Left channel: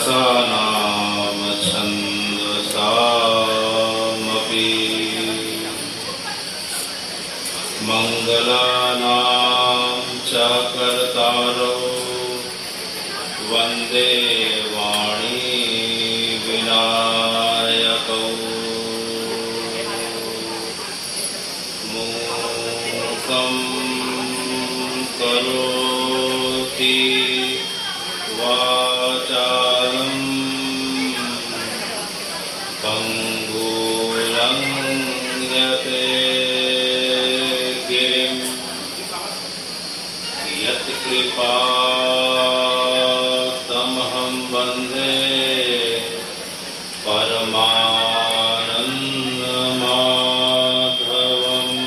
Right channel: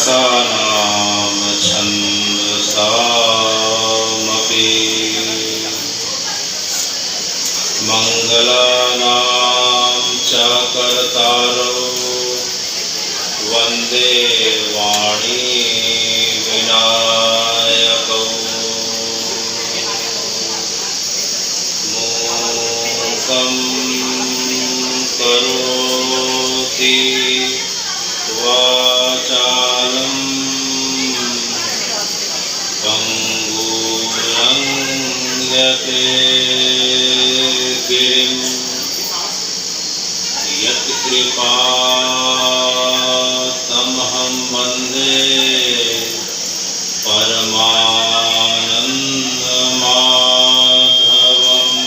रसानां छन्दसामपि मङ्गलानां च कर्तारो वन्दे वाणी विनायकौ मूकं करोति वाचालं पङ्गुं यते गिरिं यत्कृपातमहं वन्दे परमानन्दमाधवम्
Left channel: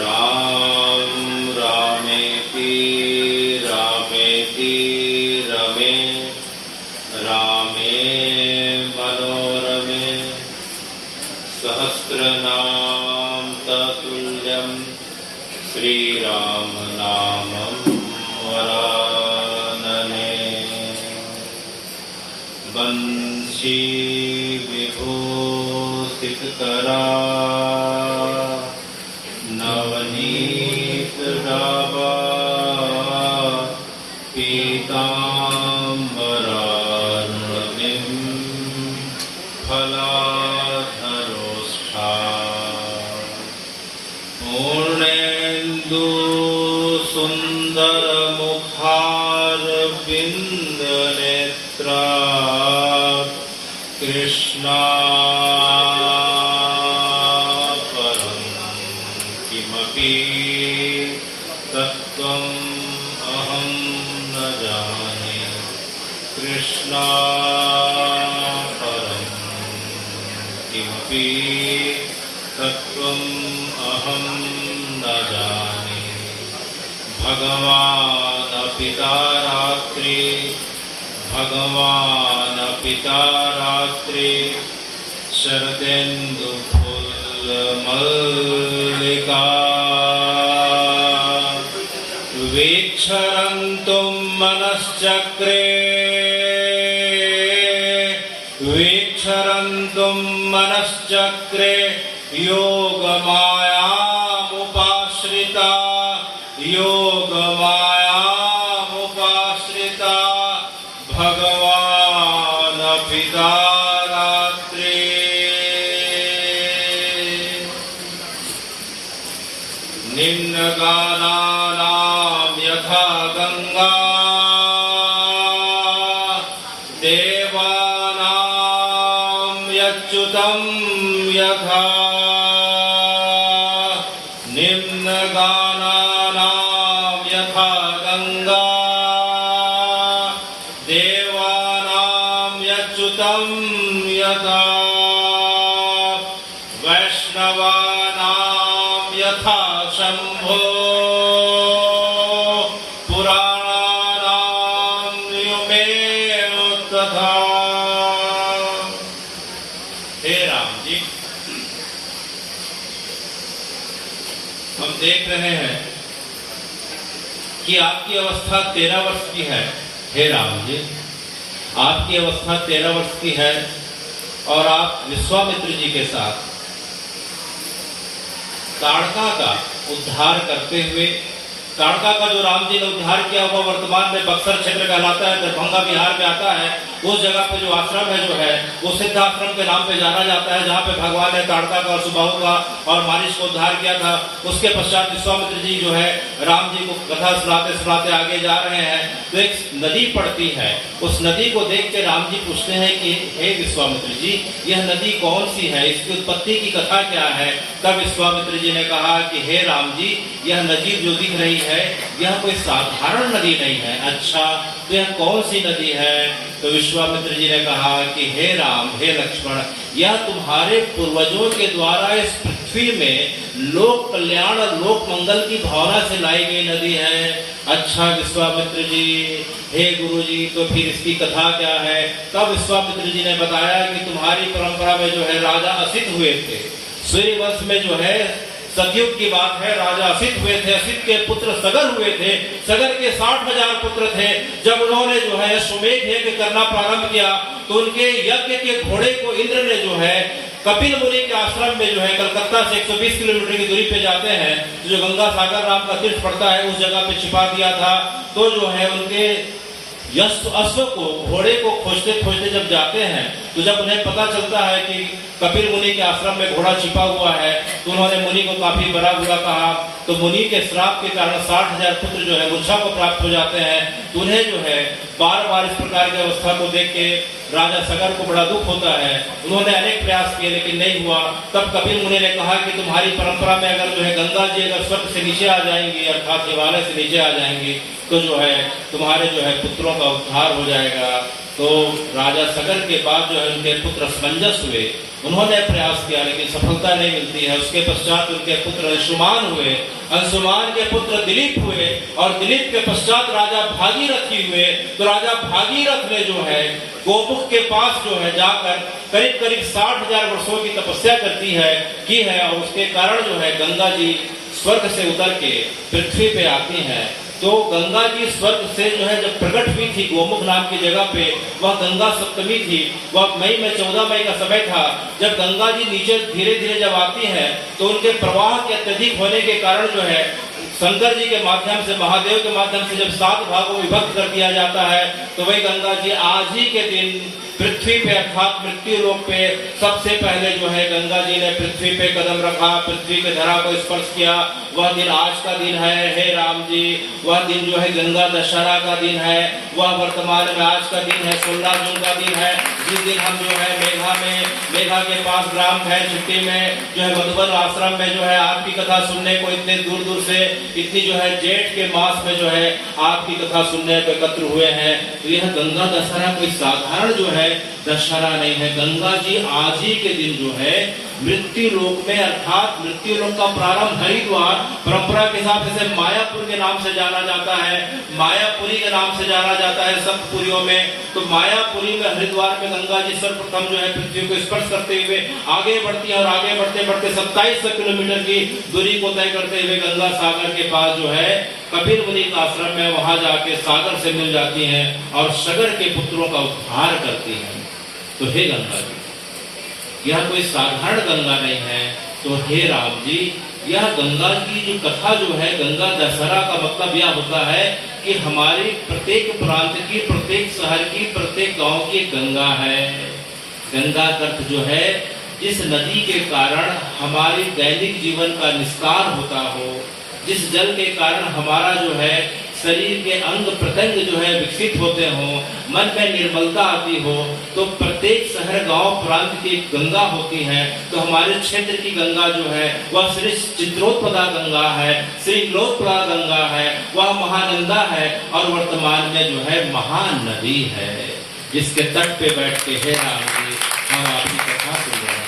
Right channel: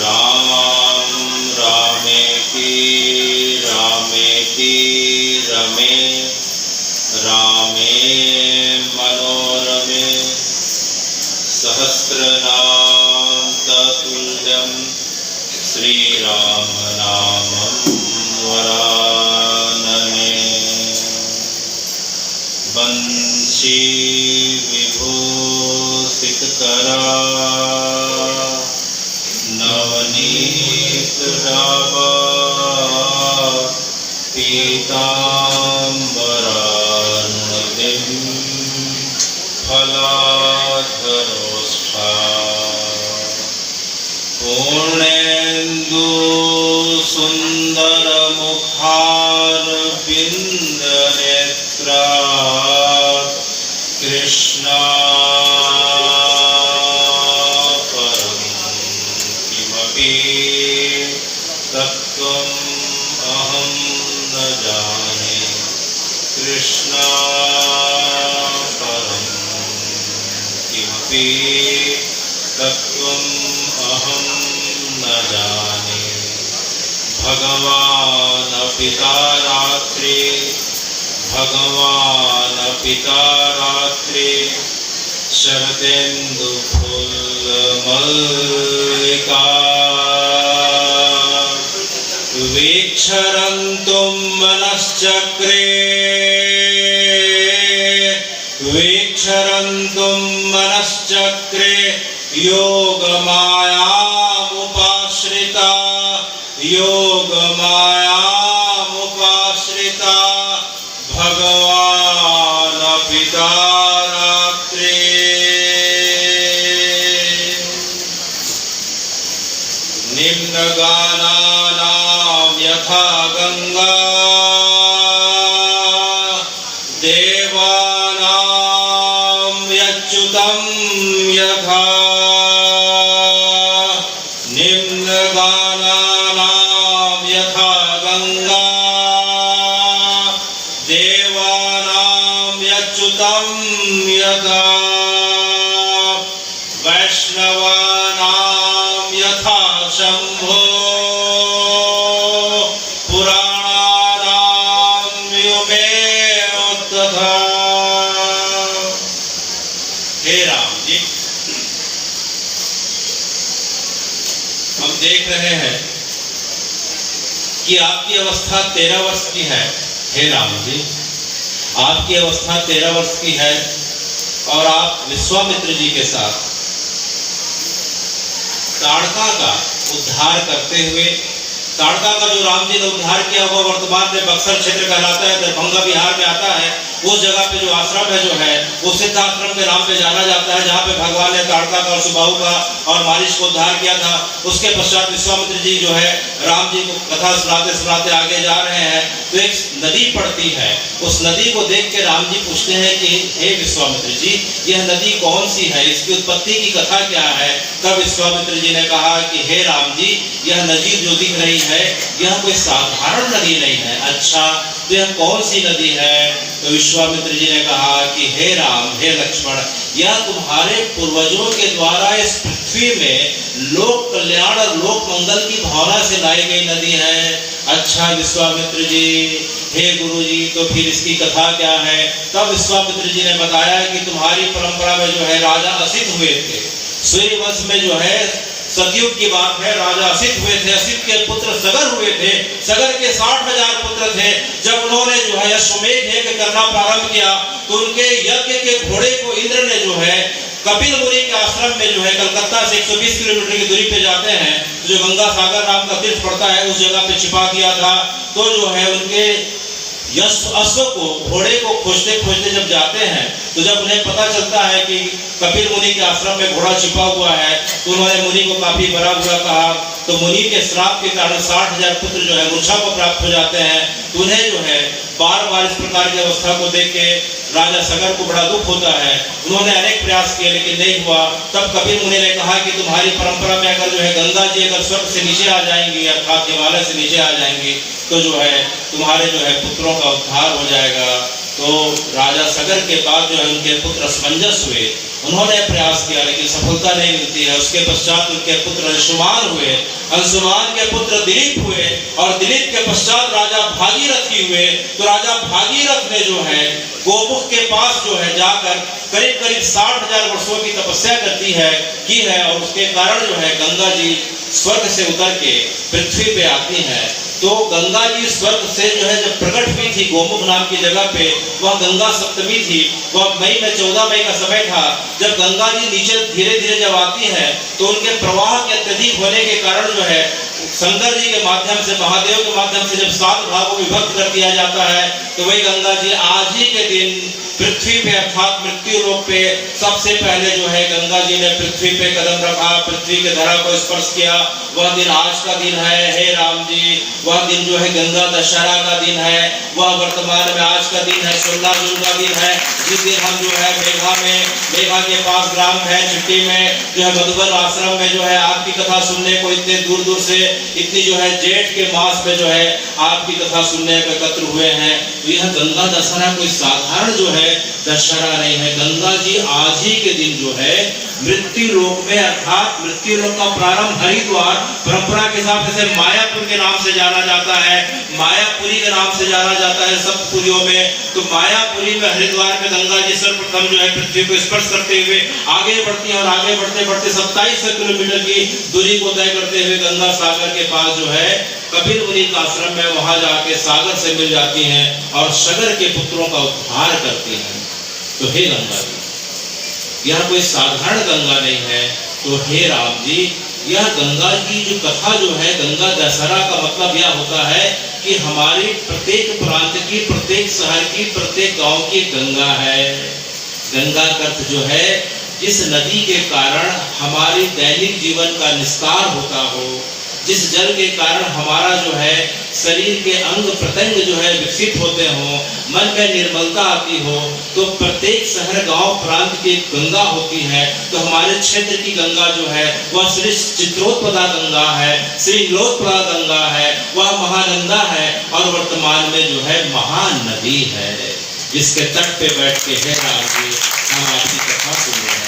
राम रामेति रमे रामे मनोरमे सहस्रनाम ततुल्यं श्रीराम नामं वरानने बंशी विभूषितकरा नवनीत डाबा पीताम्बरार्णविं फलाधरोष्ठा पूर्णेन्दु सुन्दरमुखारविन्दनेत्रा कृष्णा परं किमपि तत्त्वम् अहं न जाने कृष्णा परं किमपि तत्त्वम् अहं न जाने भगवान् पिता रात्रि शरतेन्दुफुल्लमल्लिका वीक्षरन्तुं मनश्चक्रे योगमायामुपाश्रिता भगवान् पिता रात्रि निम्नगानानां यथा गंगा देवानां यच्युतं यथा निम्नगानानां यथा गंगा देवानां यच्युतं यथा वैष्णवानां यथा शंभो पुराणानां युमेव तथा। हे राम जी, हम देख रहे हैं कि आपकी अवस्था 13 वर्ष की है। हे राम जी, आपकी अवस्था 13 वर्ष की है और आप विश्वामित्र जी के साथ ताड़का का उद्धार करते हुए, ताड़का का जो राम जी ने उद्धार किया वो वर्तमान में बक्सर क्षेत्र कहलाता है, दरभंगा बिहार में आता है। उस जगह पे जो आश्रम है वो सिद्धाश्रम के नाम पे जाना जाता है, जहाँ पे भगवान ने ताड़का का और सुबाहु का और मारिच को उद्धार किया था। उसके पश्चात विश्वामित्र जी जो है राम जी को कथा सुनाते सुनाते आगे जा रहे हैं तो एक नदी पड़ती है। उस नदी को देख के राम जी पूछते हैं कि हे विश्वामित्र जी, यह नदी कौन सी है, इसकी उत्पत्ति की कथा क्या है। तब विश्वामित्र जी ने कहा कि हे राम जी, यह नदी जो दिख रही है यह कोई साधारण नदी नहीं है। अच्छा, तो यह कौन सी नदी है। तो विश्वामित्र जी ने कहा कि हे राम, हे लक्ष्मण, यह तुम्हारे पूर्वजों के द्वारा इस पृथ्वी में लोक कल्याण और लोक मंगल की भावना से लाई गई नदी है। अच्छा विश्वामित्र जी, हे गुरु जी, तो फिर इसकी कथा क्या है। तब विश्वामित्र जी ने बताया कि तुम्हारी परंपरा में जो है राजा असित हुए थे। सूर्यवंश में जो है सतयुग की बात है, राजा असित हुए थे, असित के पुत्र सगर हुए थे, सगर के 60,000 पुत्र थे। जब उन्होंने जो है अश्वमेध यज्ञ करना प्रारंभ किया तो उनके यज्ञ के घोड़े को इंद्र ने जो है कपिल मुनि के आश्रम में जो है कलकत्ता से 120 किलोमीटर की दूरी पे जाते हैं, जो गंगा सागर नाम का तीर्थ पड़ता है, उस जगह पे छिपा दिया था। तो जो है उनके अश्व को, घोड़े को खोजते खोजते जब जाते हैं तो जब उन्हें पता चलता है कि कपिल मुनि के आश्रम में घोड़ा छिपा हुआ है तो उन्होंने मुनि को काफी बड़ा बुरा कहा। तो मुनि के श्राप के कारण 60,000 पुत्र जो है मूर्छा को प्राप्त हो जाते हैं। तो उन्हें जो है बार बार इस प्रकार की अवस्था को देख के राजा सगर को बड़ा दुख होता है। उन्होंने अनेक प्रयास किए लेकिन नहीं हुआ। तब कपिल मुनि ने कहा कि तुम्हारी परंपरा में अगर जो है गंगा जी अगर स्वर्ग से नीचे आ जाएंगी, अर्थात हिमालय से नीचे आ जाएंगी, तो जो है तुम्हारे जो है पुत्रों का उद्धार हो जाएगा। तो राजा सगर के बाद जो है उनके पुत्र समंजस हुए, उन्होंने प्रयास किया लेकिन सफलता नहीं मिलती है। उसके पश्चात उनके पुत्र अंशुमान हुए, अंशुमान के पुत्र दिलीप हुए और दिलीप के पश्चात राजा भागीरथी हुए। तो राजा भागीरथ ने जो है गोमुख के पास जो है जाकर करीब करीब 60,000 वर्षों की तपस्या की है और उसके कारण जो है गंगा जी स्वर्ग से उतर के पृथ्वी पे आती है। तो गंगा जी स्वर्ग से जो है जब प्रकट हुई थी गोमुख नाम की जगह पे, वह गंगा सप्तमी थी, वह मई में 14 मई का समय था। जब गंगा जी नीचे धीरे धीरे जब आती है तो उनके प्रवाह के अत्यधिक होने के कारण जो है शंकर जी के माध्यम से, महादेव के माध्यम से जब 7 भागों में विभक्त कर दिया जाता है तो वही गंगा जी आज ही के दिन पृथ्वी पे अर्थात मृत्यु लोक पे सबसे पहले जो है गंगा जी ने पृथ्वी पे कदम रखा, पृथ्वी के धरा को स्पर्श किया। वह दिन आज का दिन है, हे राम जी। वह दिन जो है गंगा दशहरा का दिन है, वह वर्तमान में आज का दिन है, स्वर्णाजुल का दिन है, जिस दिन हम जो है मेघा के पास ग्राम है चिट्टी में जो है मधुबन आश्रम में जो है आपकी कथा सुनने को इतने दूर दूर से, इतनी जो है जेठ के मास में जो है आपकी कथा सुनने को एकत्र हुए हैं। यह गंगा दशहरा कोई साधारण जो है दशहरा नहीं है। गंगा जी आज ही के दिन जो है मृत्यु लोक में अर्थात मृत्यु लोक का प्रारंभ हरिद्वार परंपरा के हिसाब से मायापुर के नाम से जाना जाता है, मायापुरी के नाम से जाना जाता है सप्तपुरियों में। तो मायापुरी में हरिद्वार में गंगा जी सर्वप्रथम जो है पृथ्वी को स्पर्श करते हुए आगे बढ़ती है और आगे बढ़ते बढ़ते 27 किलोमीटर की दूरी को तय करते हुए गंगा सागर के पास जो है कपिल मुनि का आश्रम में वहां जाके सागर से मिल जाती हैं और सगर के पुत्रों का उद्धार करती हैं। तो हे गंगा जी, यह कोई साधारण गंगा नहीं है। तो हे राम जी, यह गंगा की जो कथा जो है गंगा दशहरा का मतलब यह होता है कि हमारे प्रत्येक प्रांत की, प्रत्येक शहर की, प्रत्येक गांव की गंगा है। गंगा का अर्थ जो है जिस नदी के कारण हमारे दैनिक जीवन का निस्तार होता हो, जिस जल के कारण हमारा जो है शरीर के अंग प्रत्यंग जो है विकसित होते हो, मन में निर्मलता आती हो। तो प्रत्येक शहर गांव प्रांत की गंगा होती है। तो हमारे क्षेत्र की गंगा जो है वह श्री चित्रोत्पदा गंगा है, श्री लोकप्रदा गंगा है, वह महानंदा है और वर्तमान में जो है महान नदी है, जिसके तट पे बैठ के हे राम जी हम आपकी कथा सुन रहे हैं।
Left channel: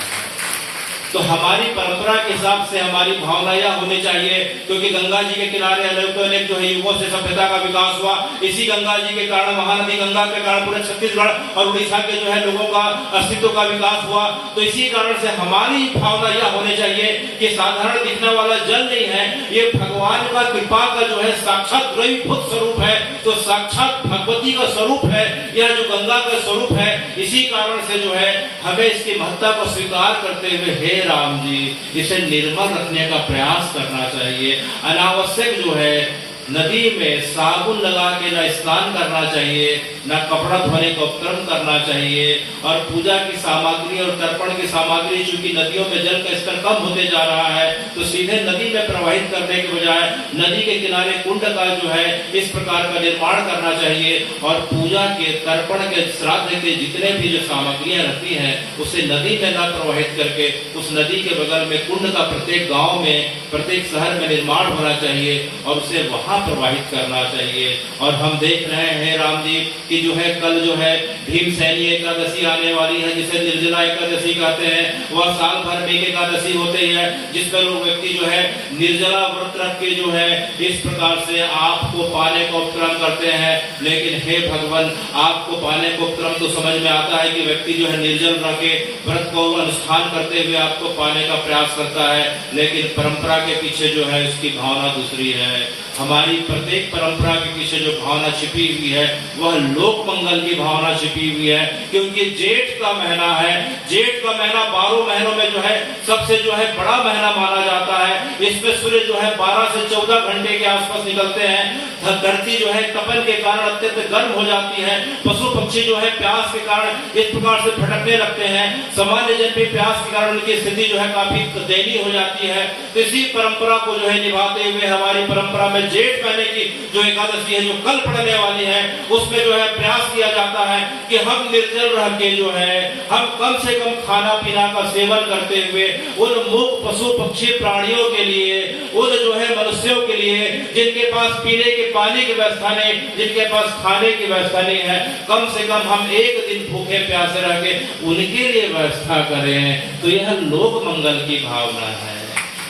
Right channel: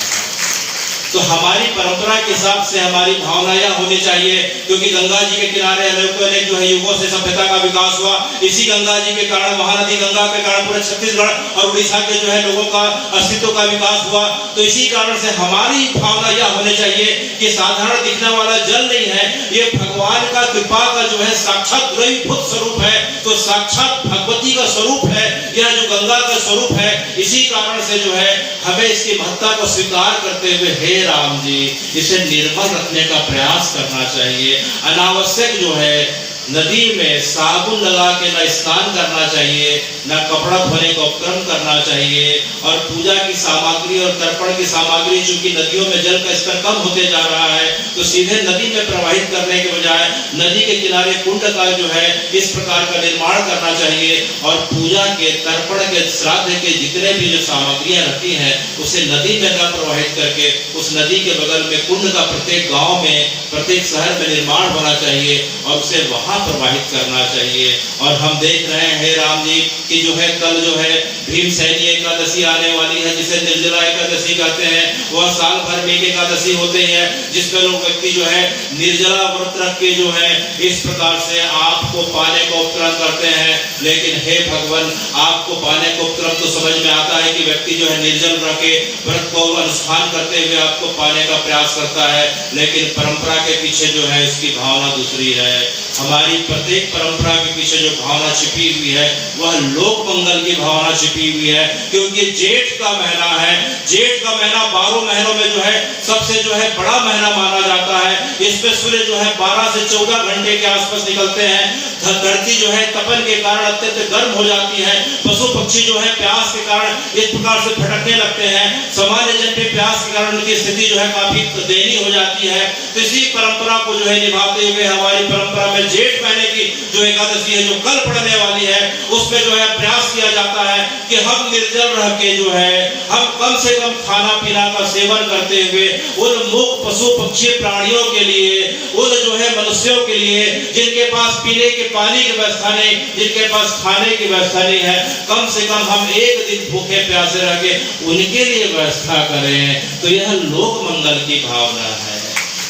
तो हमारी परंपरा के हिसाब से हमारी भावना यह होनी चाहिए, क्योंकि गंगा जी के किनारे अनेक जो है युगों से सभ्यता का विकास हुआ। इसी गंगा जी के कारण, महानदी गंगा के कारण पूरे छत्तीसगढ़ और उड़ीसा के जो है लोगों का अस्तित्व का विकास हुआ। तो इसी कारण से हमारी भावना यह होनी चाहिए कि साधारण दिखने वाला जल नहीं है, ये भगवान का कृपा का जो है साक्षात द्रव्यभूत स्वरूप है। तो साक्षात भगवती का स्वरूप है यह जो गंगा का स्वरूप है। इसी कारण से जो है हमें इसकी महत्ता को स्वीकार करते हुए हे राम जी इसे निर्मल रखने का प्रयास करना चाहिए। अनावश्यक जो है नदी में साबुन लगा के ना स्नान करना चाहिए, ना कपड़ा धोने का उपक्रम करना चाहिए। और पूजा की सामग्री और तर्पण की सामग्री चूंकि नदियों में जल का स्तर कम होते जा रहा है, तो सीधे नदी में प्रवाहित करने के बजाय नदी के किनारे कुंड का जो है इस प्रकार का निर्माण करना चाहिए। और पूजा के, तर्पण के, श्राद्ध के जितने भी जो सामग्रियां रहती हैं उसे नदी में न प्रवाहित करके उस नदी के बगल में कुंड का प्रत्येक गाँव में, प्रत्येक शहर में निर्माण होना चाहिए और उसे वहां उत्साह प्रवाहित करना चाहिए। और हम देख रहे हैं राम जी कि जो है कल जो है भीमसेनी एकादशी आने वाली है, जिसे निर्जला एकादशी कहते हैं। वह साल भर में एक एकादशी होती है जिसमें लोग व्यक्ति जो है निर्जला व्रत रख के जो है इस प्रकार से आपको पाने का उपक्रम करते हैं। लेकिन हे भगवान, आपको पाने का उपक्रम तो समझ में आता है कि व्यक्ति जो है निर्जल रह के व्रत को अनुष्ठान करते हुए आपको पाने का प्रयास करता है, लेकिन परंपरा के पीछे जो है उसकी भावना दूसरी है। हमारी प्रत्येक परंपरा के पीछे जो भावना छिपी हुई है वह लोक मंगल की भावना छिपी हुई है। क्योंकि जेठ का महीना है, जेठ का महीना 12 महीनों में जो है सबसे जो है बड़ा महीना माना जाता है। इसमें सूर्य जो है 12 से 14 घंटे के आसपास निकलते हैं। धरती जो है तपन के कारण अत्यंत गर्म हो जाती है। पशु पक्षी जो है प्यास के कारण इस प्रकार से भटकने लगते हैं। सामान्य जन पे प्यास के कारण उनकी स्थिति जो है काफी दयनीय हो जाती है। तो इसी परंपरा को जो है निभाते हुए हमारी परंपरा में जेठ महीने की जो एकादशी है जो कल पड़ने वाली है उसमें जो है प्रयास किया जाता है कि हम निर्जल रह के जो है हम कम से कम खाना पीना का सेवन करते हुए उन मूक पशु पक्षी प्राणियों के लिए, उन जो है मनुष्यों के लिए जिनके पास पीने के पानी की व्यवस्था नहीं, जिनके पास खाने की व्यवस्था नहीं है, कम से कम हम एक दिन भूखे प्यासे रह के उनके लिए व्यवस्था करें। तो यह लोक मंगल की भावना है,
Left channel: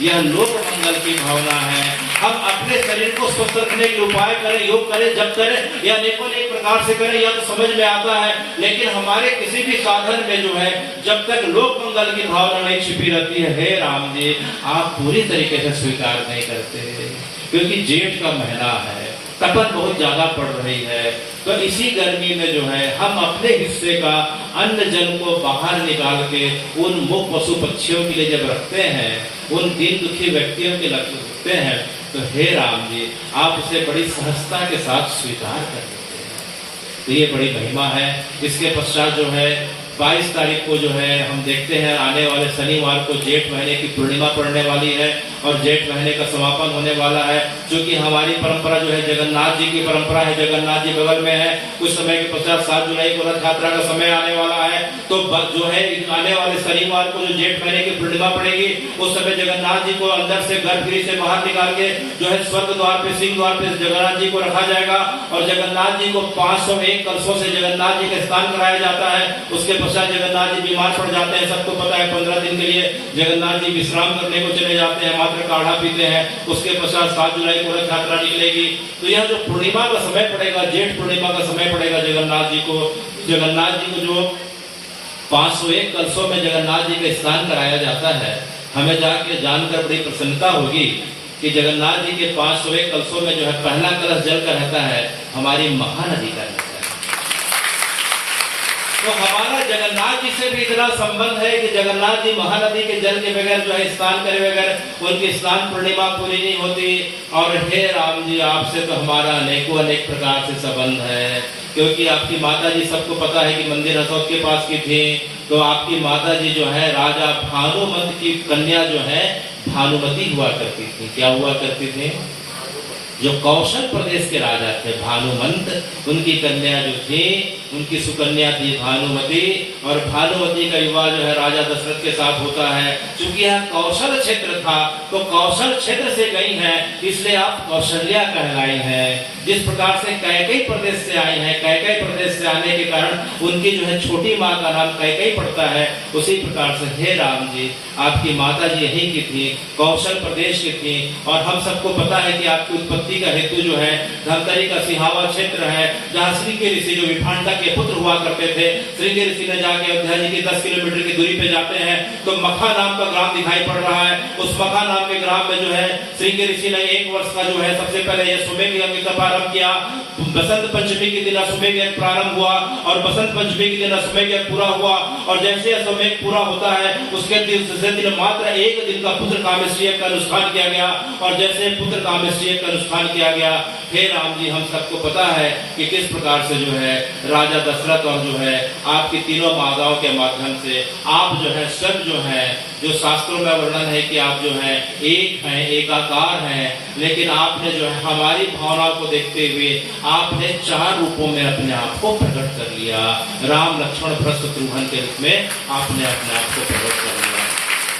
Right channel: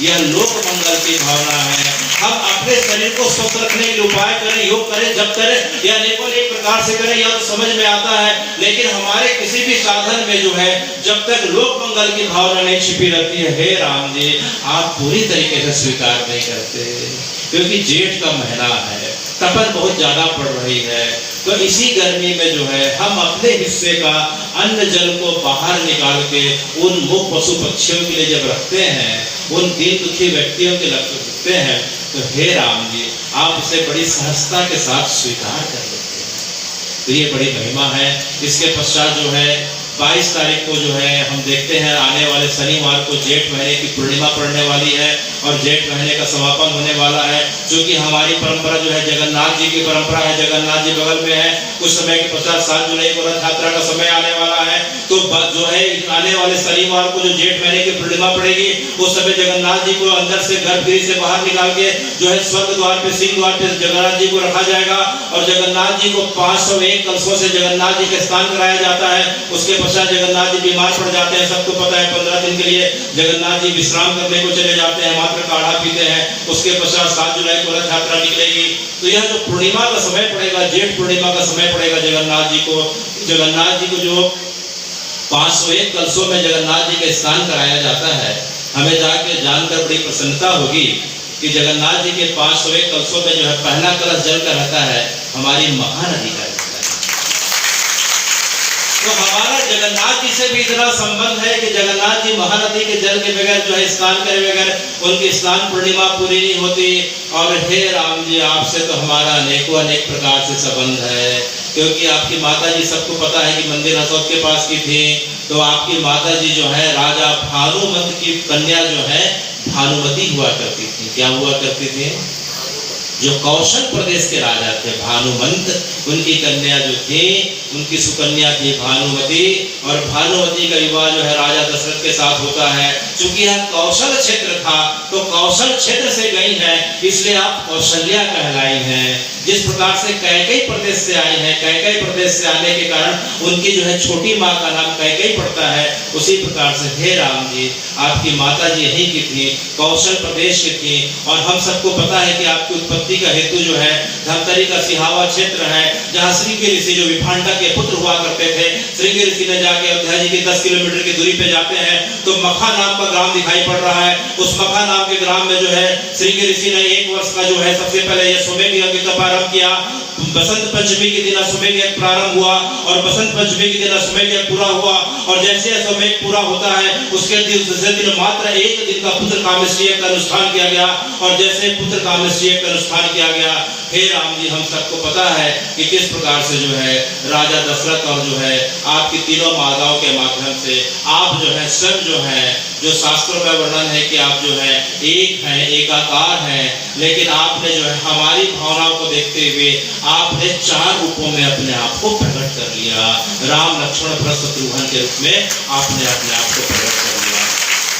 यह लोक मंगल की भावना है। हम अपने शरीर को स्वस्थ रखने के उपाय करें, योग करें, जब करें या अनेकों प्रकार से करें, यह तो समझ में आता है। लेकिन हमारे किसी भी साधन में जो है जब तक लोक मंगल की भावना नहीं छिपी रहती है, हे राम जी, आप पूरी तरीके से स्वीकार नहीं करते। क्योंकि जेठ का महीना है, तपन बहुत ज्यादा पड़ रही है, तो इसी गर्मी में जो है हम अपने हिस्से का अन्न जल को बाहर निकाल के उन मूक पशु पक्षियों के लिए जब रखते हैं, उन दीन दुखी व्यक्तियों के रखते हैं, तो हे राम जी, आप इसे बड़ी सहजता के साथ स्वीकार कर लेते हैं। तो ये बड़ी महिमा है। इसके पश्चात जो है 22 तारीख को जो है हम देखते हैं आने वाले शनिवार को जेठ महीने की पूर्णिमा पड़ने वाली है और जेठ महीने का समापन होने वाला है। क्योंकि हमारी परंपरा जो है जगन्नाथ जी की परंपरा है, जगन्नाथ जी बगल में है। कुछ समय के पश्चात 7 जुलाई को रथ यात्रा का समय आने वाला है। तो जो है आने वाले शनिवार को जो जेठ महीने की पूर्णिमा पड़ेगी उस समय जगन्नाथ जी को अंदर से गर्भगृह से बाहर निकाल के जो है स्वर्ग द्वार पे, सिंह द्वार पे जगन्नाथ जी को रखा जाएगा और जगन्नाथ जी को 501 कलशों से जगन्नाथ जी का स्नान कराया जाता है। उसके पश्चात जगन्नाथ जी बीमार पड़ जाते हैं, सबको पता है। 15 दिन के लिए जगन्नाथ जी विश्राम करने को चले जाते हैं, मात्र काढ़ा पीते हैं। उसके पश्चात 7 जुलाई को रथ यात्रा निकलेगी। तो यह जो पूर्णिमा का समय पड़ेगा, जेठ पूर्णिमा का समय पड़ेगा जगन्नाथ जी को जो 501 कलशों में जगन्नाथ जी का स्नान कराया जाता है। हमें जाके जानकर बड़ी प्रसन्नता होगी कि जगन्नाथ जी के 501 कलशों में जो है पहला कलश जल का रहता है हमारी महानदी का रहता है। तो हमारा जगन्नाथ जी से भी इतना संबंध है कि जगन्नाथ जी महानदी के जल के बगैर जो है स्नान करे बगैर उनकी स्नान पूर्णिमा पूरी नहीं होती। और हे राम जी, आपसे तो हमारा अनेक प्रकार से संबंध है। क्योंकि आपकी माता जी, सबको पता है कि मंदिर अशोक के पास की थी, तो आपकी माता जी जो है राजा भानुमंत की कन्या जो है भानुमति हुआ करती थी। क्या हुआ करती थी? जो कौशल प्रदेश के राजा थे भानुमंत, उनकी कन्या जो थी, उनकी सुकन्या थी भानुमति। और भानुमति का विवाह जो है राजा दशरथ के साथ होता है। चूंकि यह कौशल क्षेत्र था तो कौशल क्षेत्र से गई है, इसलिए आप कौशल्या कहलाई हैं। जिस प्रकार से कैकेयी प्रदेश से आई है, कैकेयी प्रदेश से आने के कारण उनकी जो है छोटी माँ का नाम कैकेयी पड़ता है। उसी प्रकार से हे राम जी, आपकी माता जी यहीं की थी, कौशल प्रदेश की थी। और हम सबको पता है कि आपकी उत्पत्ति का हेतु जो है धमतरी का सिहावा क्षेत्र है, जहाँ श्रृंगी ऋषि जो विभांडा के पुत्र हुआ करते थे, श्रृंगी ऋषि ने जाके अयोध्या जी की 10 किलोमीटर की दूरी पे जाते हैं तो मखा नाम का ग्राम दिखाई पड़ रहा है। उस मखा नाम के ग्राम में जो है श्रृंगी ऋषि ने 1 वर्ष का जो है सबसे पहले यशोमेघ यज्ञ का प्रारंभ किया। बसंत पंचमी के दिन अश्वमेघ यज्ञ प्रारंभ हुआ और बसंत पंचमी के दिन अश्वमेघ यज्ञ पूरा हुआ। और जैसे अश्वमेघ पूरा होता है उसके दूसरे दिन मात्र 1 दिन का पुत्र कामेष्टि यज्ञ का अनुष्ठान किया गया। और जैसे पुत्र कामेष्टि यज्ञ का अनुष्ठान किया गया, हे राम जी, हम सबको पता है कि किस प्रकार से जो है राजा दशरथ और जो है आपकी तीनों माताओं के माध्यम से आप जो है सब जो है, जो शास्त्रों में वर्णन है कि आप जो है एक हैं, एकाकार हैं, लेकिन आपने जो है हमारी भावनाओं को देखते हुए आपने 4 रूपों में अपने आप को प्रकट कर लिया। राम, लक्ष्मण, भरत, शत्रुघ्न के रूप में आपने अपने आप को प्रकट कर लिया।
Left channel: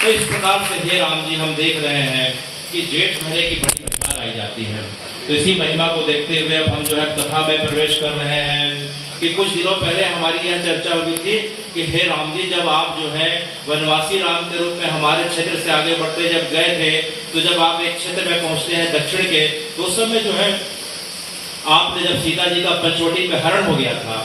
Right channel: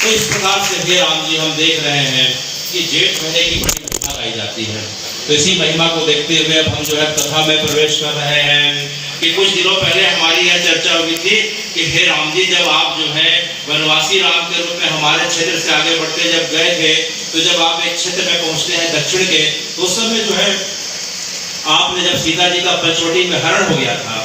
तो इस प्रकार से हे राम जी, हम देख रहे हैं कि जेठ महीने की बड़ी महिमा गाई जाती है। तो इसी महिमा को देखते हुए अब हम जो है कथा में प्रवेश कर रहे हैं कि कुछ दिनों पहले हमारी यह चर्चा हुई थी कि हे राम जी, जब आप जो है वनवासी राम के रूप में हमारे क्षेत्र से आगे बढ़ते जब गए थे, तो जब आप एक क्षेत्र में पहुंचते हैं दक्षिण के, तो उस समय जो है आपने जब सीता जी का पंचवटी में हरण हो गया था,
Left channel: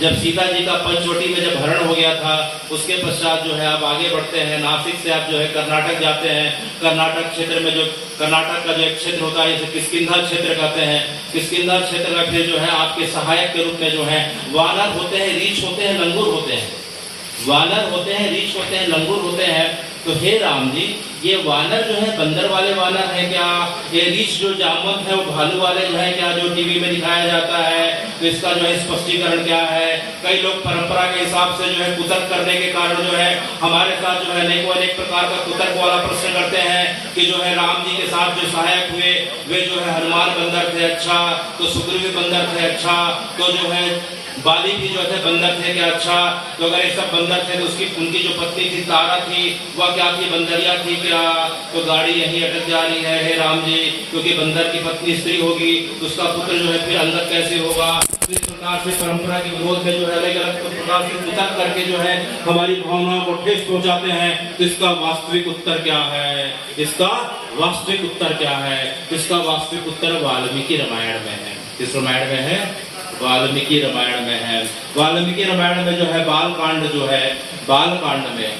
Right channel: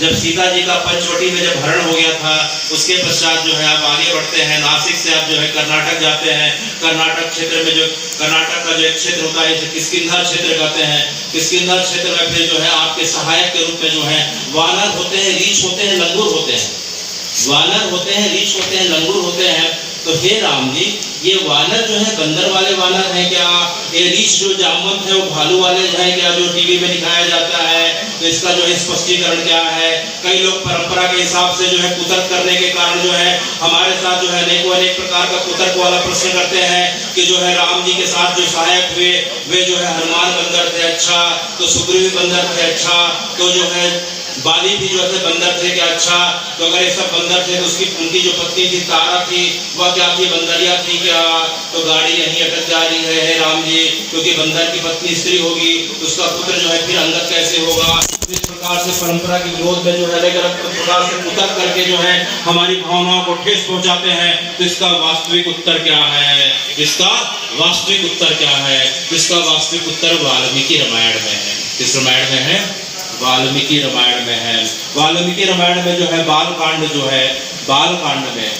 जब सीता जी का पंचवटी में जब हरण हो गया था, उसके पश्चात जो है आप आगे बढ़ते हैं, नासिक से आप जो है कर्नाटक जाते हैं। कर्नाटक क्षेत्र में जो कर्नाटक का जो एक क्षेत्र होता है, इसे किष्किंधा क्षेत्र कहते हैं। किष्किंधा क्षेत्र में फिर जो है आपके सहायक के रूप में जो है वानर होते हैं, रीछ होते हैं, लंगूर होते हैं। वानर होते हैं, रीछ होते हैं, लंगूर होते हैं। तो हे राम जी, ये वानर जो है बंदर वाले वानर है क्या? ये रीछ जो जामवंत है वो भालू वाले जो है क्या, जो टीवी में दिखाया जाता है? तो इसका जो है स्पष्टीकरण क्या है? कई लोग परंपरा के हिसाब से जो है कुतर्क करने के कारण जो है हमारे साथ जो है अनेक प्रकार का कुतर्क वाला प्रश्न करते हैं कि जो है राम जी के साथ जो सहायक हुए वे जो है हनुमान बंदर थे, अच्छा, तो सुग्रीव बंदर थे, अच्छा, तो जो है बाली भी जो थे बंदर थे क्या, अच्छा, तो अगर ये सब बंदर थे तो उनकी जो पत्नी थी तारा थी, वह क्या थी, बंदरिया थी क्या? तो गाड़ी यहीं अटक जा रही है हे राम जी, क्योंकि बंदर की पत्नी स्त्री होगी, उसका पुत्र जो है फिर अंदर कैसे होगा? तो इस प्रकार से परंपरा के विरोध में जो है अलग अलग प्रकार से कुतर्क करके जो है हमारी भावनाओं को ठेस पहुंचाते हैं। तो इसका वास्तविक उत्तर क्या है? इसका वास्तविक उत्तर क्या है? इसका वास्तविक उत्तर वाल्मीकि रामायण में है। किस रामायण में है? वाल्मीकि रामायण में है। वाल्मीकि रामायण में जो है बालकांड जो है, बालकांड में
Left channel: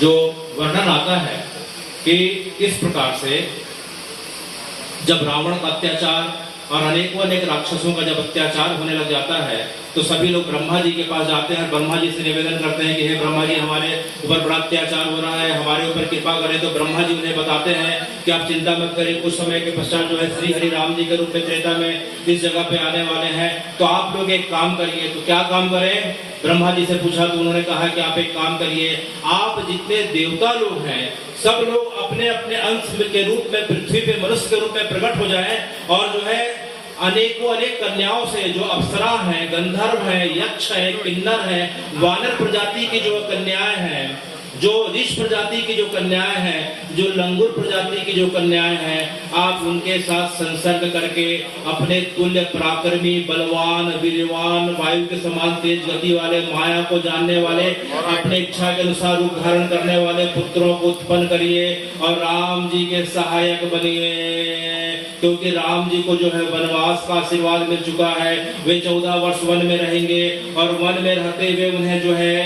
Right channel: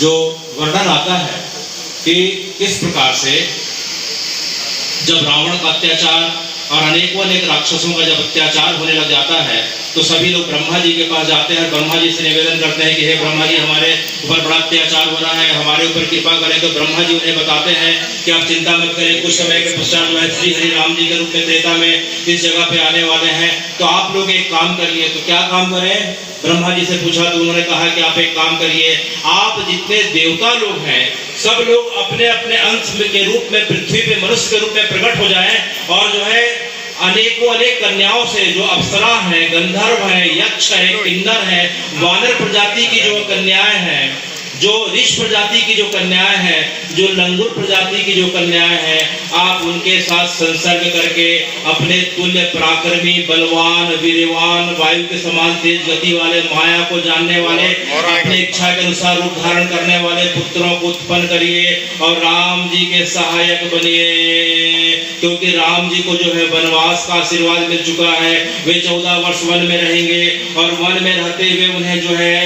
जो वर्णन आता है कि किस प्रकार से जब रावण का अत्याचार और अनेक राक्षसों का जब अत्याचार होने लग जाता है, तो सभी लोग ब्रह्मा जी के पास जाते हैं, ब्रह्मा जी से निवेदन करते हैं कि हे ब्रह्मा जी, हमारे ऊपर बड़ा अत्याचार हो रहा है, हमारे ऊपर कृपा करें। तो ब्रह्मा जी उन्हें बताते हैं कि आप चिंता मत करें, कुछ समय के पश्चात जो है श्री हरि राम जी के रूप में त्रेता में इस जगह पे आने वाले हैं, तो आप लोग एक काम करिए। तो क्या काम करें? ब्रह्मा जी से पूछा तो उन्होंने कहा कि आप एक काम करिए, आप जितने देवता लोग हैं सब लोग अपने अपने अंश के रूप में पृथ्वी पे मनुष्य के रूप में प्रकट हो जाएं, और जो है अनेक कन्याओं से, जो अप्सरा हैं, गंधर्व हैं, यक्ष है, किन्नर है, वानर प्रजाति की जो कन्याएं हैं, जो ऋष प्रजाति की जो कन्याएं हैं, जो लंगूर प्रजाति की जो कन्याएं हैं, आप उनके साथ संसर्ग करके अपने तुल्य पराक्रमी, बलवान, वीरवान, वायु के समान तेज गति वाले, माया को जानने वाले, अपने इच्छा के अनुसार रूप धारण करने वाले पुत्रों को उत्पन्न करिए और राम जी के सहायक बनिए। क्योंकि राम जी को जो है वनवास का आशीर्वाद मिल चुका है, वे 14 वर्ष वन में रहेंगे और वन में रहते हुए उन्हें जो है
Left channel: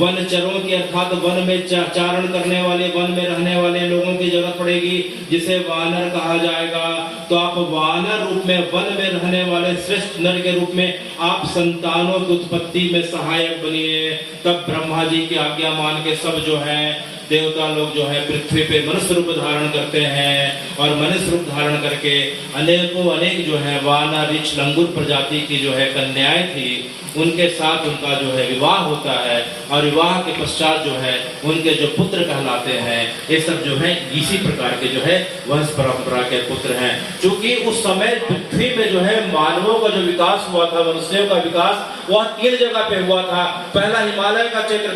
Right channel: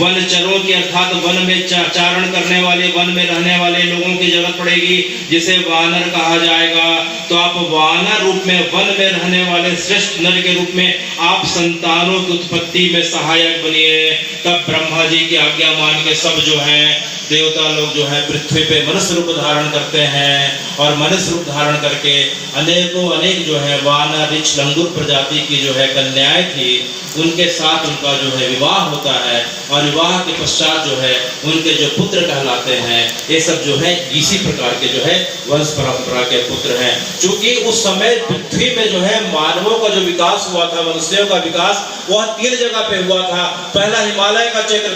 वनचरों की अर्थात वन में चारण करने वाले, वन में रहने वाले लोगों की जरूरत पड़ेगी, जिसे वानर कहा जाएगा। तो आप वानर रूप में, वन में रहने वाले श्रेष्ठ नर के रूप में आप संतानों की उत्पत्ति में सहायक बनिए। तब ब्रह्मा जी की आज्ञा मान के सब जो है देवता लोग जो है पृथ्वी पे मनुष्य रूप धारण करते हैं, और मनुष्य रूप धारण करके अनेक जो है वानर, ऋछ, लंगूर प्रजाति की जो है कन्याएं थी, उनके साथ उनका जो है विवाह होता है, और विवाह के पश्चात जो है उनके जो पुत्र कहलाते हैं, ये सब जो है इसी प्रकार के जो है वंश परंपरा के पुत्र हैं। क्योंकि उस समय पृथ्वी पे जो है मानवों का जो विकास हुआ था, मनुष्यों का विकास, वह 3 जगह पे हुआ था। पहला हिमालय का क्षेत्र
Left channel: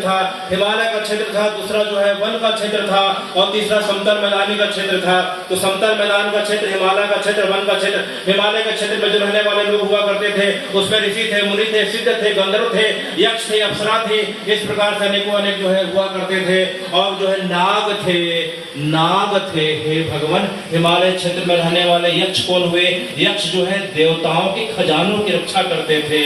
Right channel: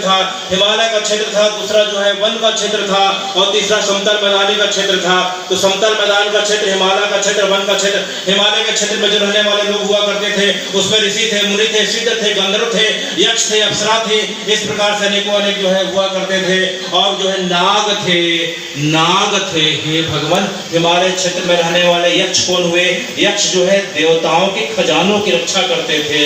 था, दूसरा जो है वन का क्षेत्र था, और तीसरा समतल मैदानी का क्षेत्र था। तो समतल मैदान का क्षेत्र, हिमालय का क्षेत्र, वन का क्षेत्र। हिमालय के क्षेत्र में जो रहने वाले लोग हुआ करते थे, उसमें ऋषि थे, मुनि थे, सिद्ध थे, गंधर्व थे, यक्ष थे, अप्सरा थे, इस प्रकार से अनेक जो है हुआ करते थे। और जो है नाग थे। हे भगवान, हिमालय क्षेत्र में रहने वाले यक्ष कौन हुए? यक्ष जो है देवताओं के खजानों की रक्षा करते थे,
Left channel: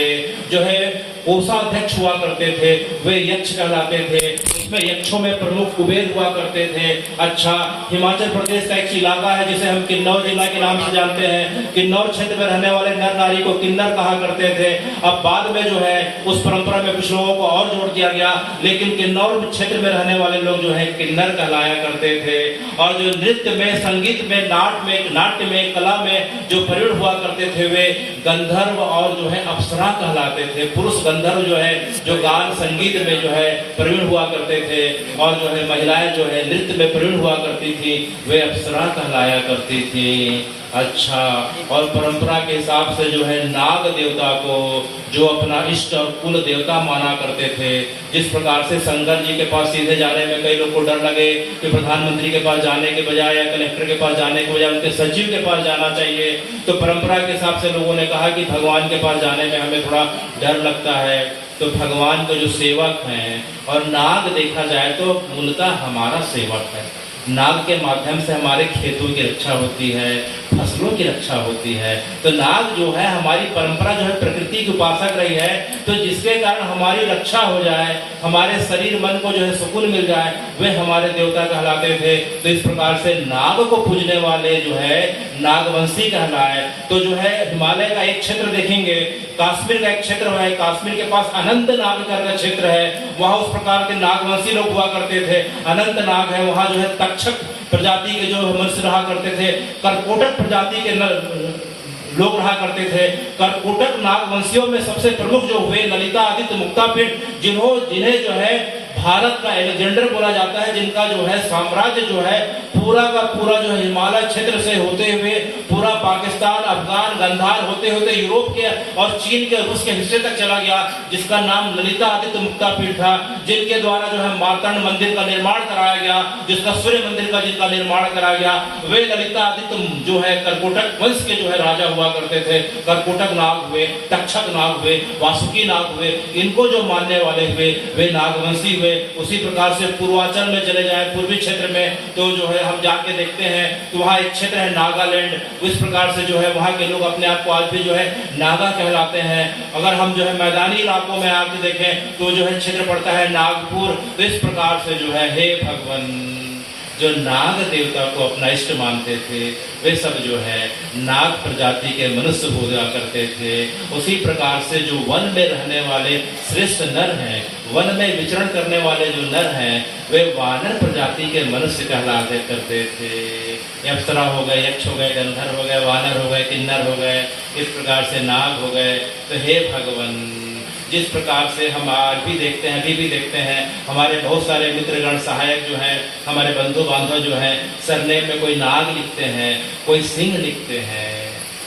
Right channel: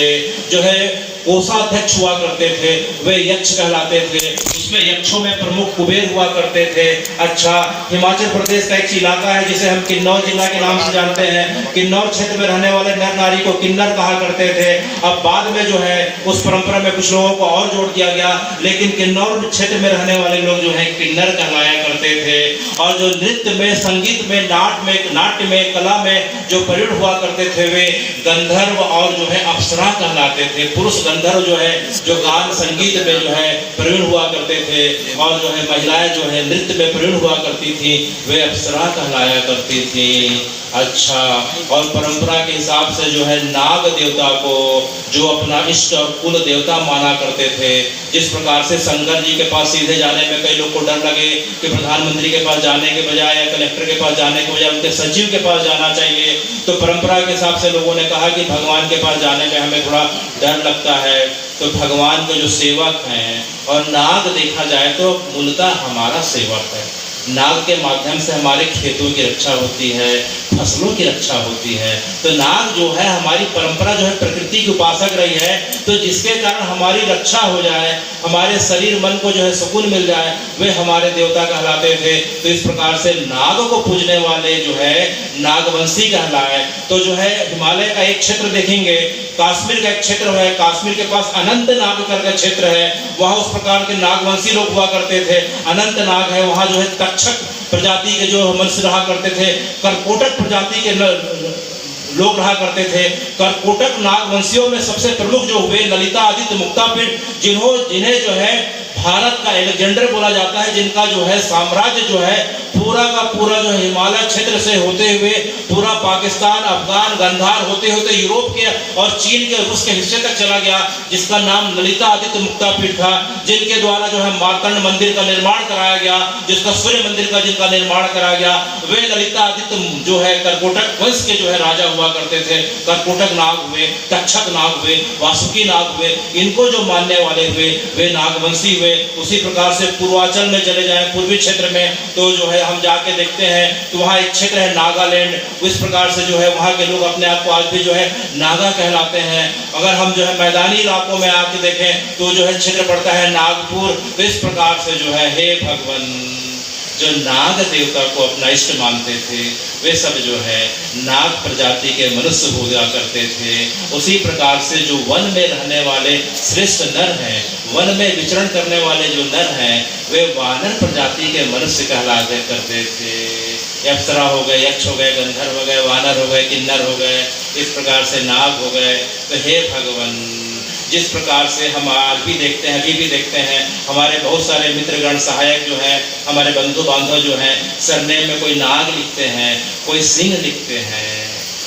जो है कोषाध्यक्ष हुआ करते थे, वे यक्ष कहलाते थे। उसमें यक्षों में प्रमुख कुबेर हुआ करते थे। अच्छा, हिमाचल प्रदेश का एक इलाका है जिसे हम किन्नौर जिला के नाम से जानते हैं। किन्नौर क्षेत्र में रहने वाले नर नारी को किन्नर कहा करते थे। अब बाद में जो है उस परंपरा में कुछ लोगों को और जोड़ दिया गया, लेकिन किन्नौर क्षेत्र में रहने वाले लोग जो है किन्नर कहलाया करते थे। और जो नृत्य में, संगीत में, नाट्य में, कला में जो प्रयुक्त हुआ करते थे, वे गंधर्व और जो है अप्सरा कहलाते थे। पुरुष गंधर्व जो है जो गान संगीत में जो है प्रवीण हुआ करते थे, और जो है महिलाएं जो है नृत्य में प्रवीण हुआ करती थी, वे अप्सरा कहलाया करती थी। अच्छा, और परंपरा के हिसाब से जो है नाग देवता को जो अपना इष्ट और कुल देवता माना करते थे। जिस प्रकार से शंकर जी के पास सीधे जाने में कई लोग को डर लगे कि प्रधानमंत्री के पास जाने के बजाय या कलेक्टर के पास जाने के बजाय उनके सचिव के पास जाना चाहिए, तो परंपरा के हिसाब से लोगों ने कहा कि भगवान के पास जाने में हमें थोड़ा डर लगता है। तो भगवान के जो सेवक हैं, और नाग देखा जाए तो मूलतः हमारा सेवक है। नाग के माध्यम से हमारे खेतों की रक्षा होती है, फसलों की रक्षा होती है। तो नाग जो है हमारी परंपरा जो है प्रकृति की उपासक रही है, तो जिसके कारण हमारी रक्षा हो जाए, हमारे शरीर मन को जो है सुकून मिल जाए, वे हमारे देवता कहलाते थे। तो इस प्रकार से नाग को पूजने वाले जो है नागवंशी कहलाए। तो जो है हिमालय का एक क्षेत्र देखेंगे, कश्मीर का एक क्षेत्र है, कश्मीर के पास अनंत नाग का क्षेत्र है, वहाँ उस प्रकार के नागवंशी लोग हुआ करते थे। अनंत नाग है, वहाँ जो है तक्षक प्रजाति के जो मनुष्य रहा करते थे, कर्कोटक प्रजाति के लोग रहा करते थे। कर्कोटक नागवंशियों में सबसे प्रमुख जो हुए ललिता आदित्य मुक्तापीठ, जिन्हें जो है भारत का एलेक्जेंडर बोला जाता है, जिनका जो है साम्राज्य जो है पूरा का पूरा जो है हिमालय क्षेत्र से होते हुए पूरा पाकिस्तान, अफगान, गांधार होते होते यूरोप के और चीन के, रूस के हिस्से तक चला गया, जिसका नाम ललिता आदित्य मुक्तापीठ था। जिनके द्वारा जो है मार्तंड मंदिर का निर्माण कराया गया, जिसका सूर्य मंदिर का जिनका निर्माण कराया गया, वे ललिता आदित्य जो है कर्कोटक वंश के जो है राजा हुआ करते थे। कर्कोटक नाग हुए, तक्षक नाग हुए, वासुकी नाग हुए, इनको जो मानने वाले हुए वे नागवंशी हुए। उसी प्रकार से पूर्वांचल में चले जाएं, पूर्वी क्षेत्र में, तो जो है हम जाके देखते हैं तो वहाँ एक क्षेत्र है नागालैंड। इस प्रकार से जो है वहाँ के लोग अपने आप को आज भी जो है नागा कहलाते हैं। अगर हम जो है मैदानी इलाकों में आके देखें तो जो है क्षेत्र पड़ता है नागपुर। तो इस प्रकार से जो है हे भगवान, जो नाग देवता को अपना इष्ट मानते थे, वे सब जो है नाग प्रजाति के मनुष्य हुआ करते थे। उसी प्रकार से जो वन में रहने वाले श्रेष्ठ नर हैं, वन में विचरण करने वाले जो नर हैं, वे वानर प्रजाति के मनुष्य कहला करते थे। अप्सरा हो गए, यक्ष हो गए, गंधर्व हो गए, वानर हो गए, किन्नर हो गए, इस प्रकार से नाग हो गए। तो हे भगवान, जिस प्रकार से हम आज भी देखते हैं, अभी भी देखते हैं, हमारे बहुत सारे मित्रगण सहायक जो हैं, हमारे बंधु बांधव जो हैं, सरनेम में कोई नाग लिखते हैं, कोई सिंह लिखते हैं।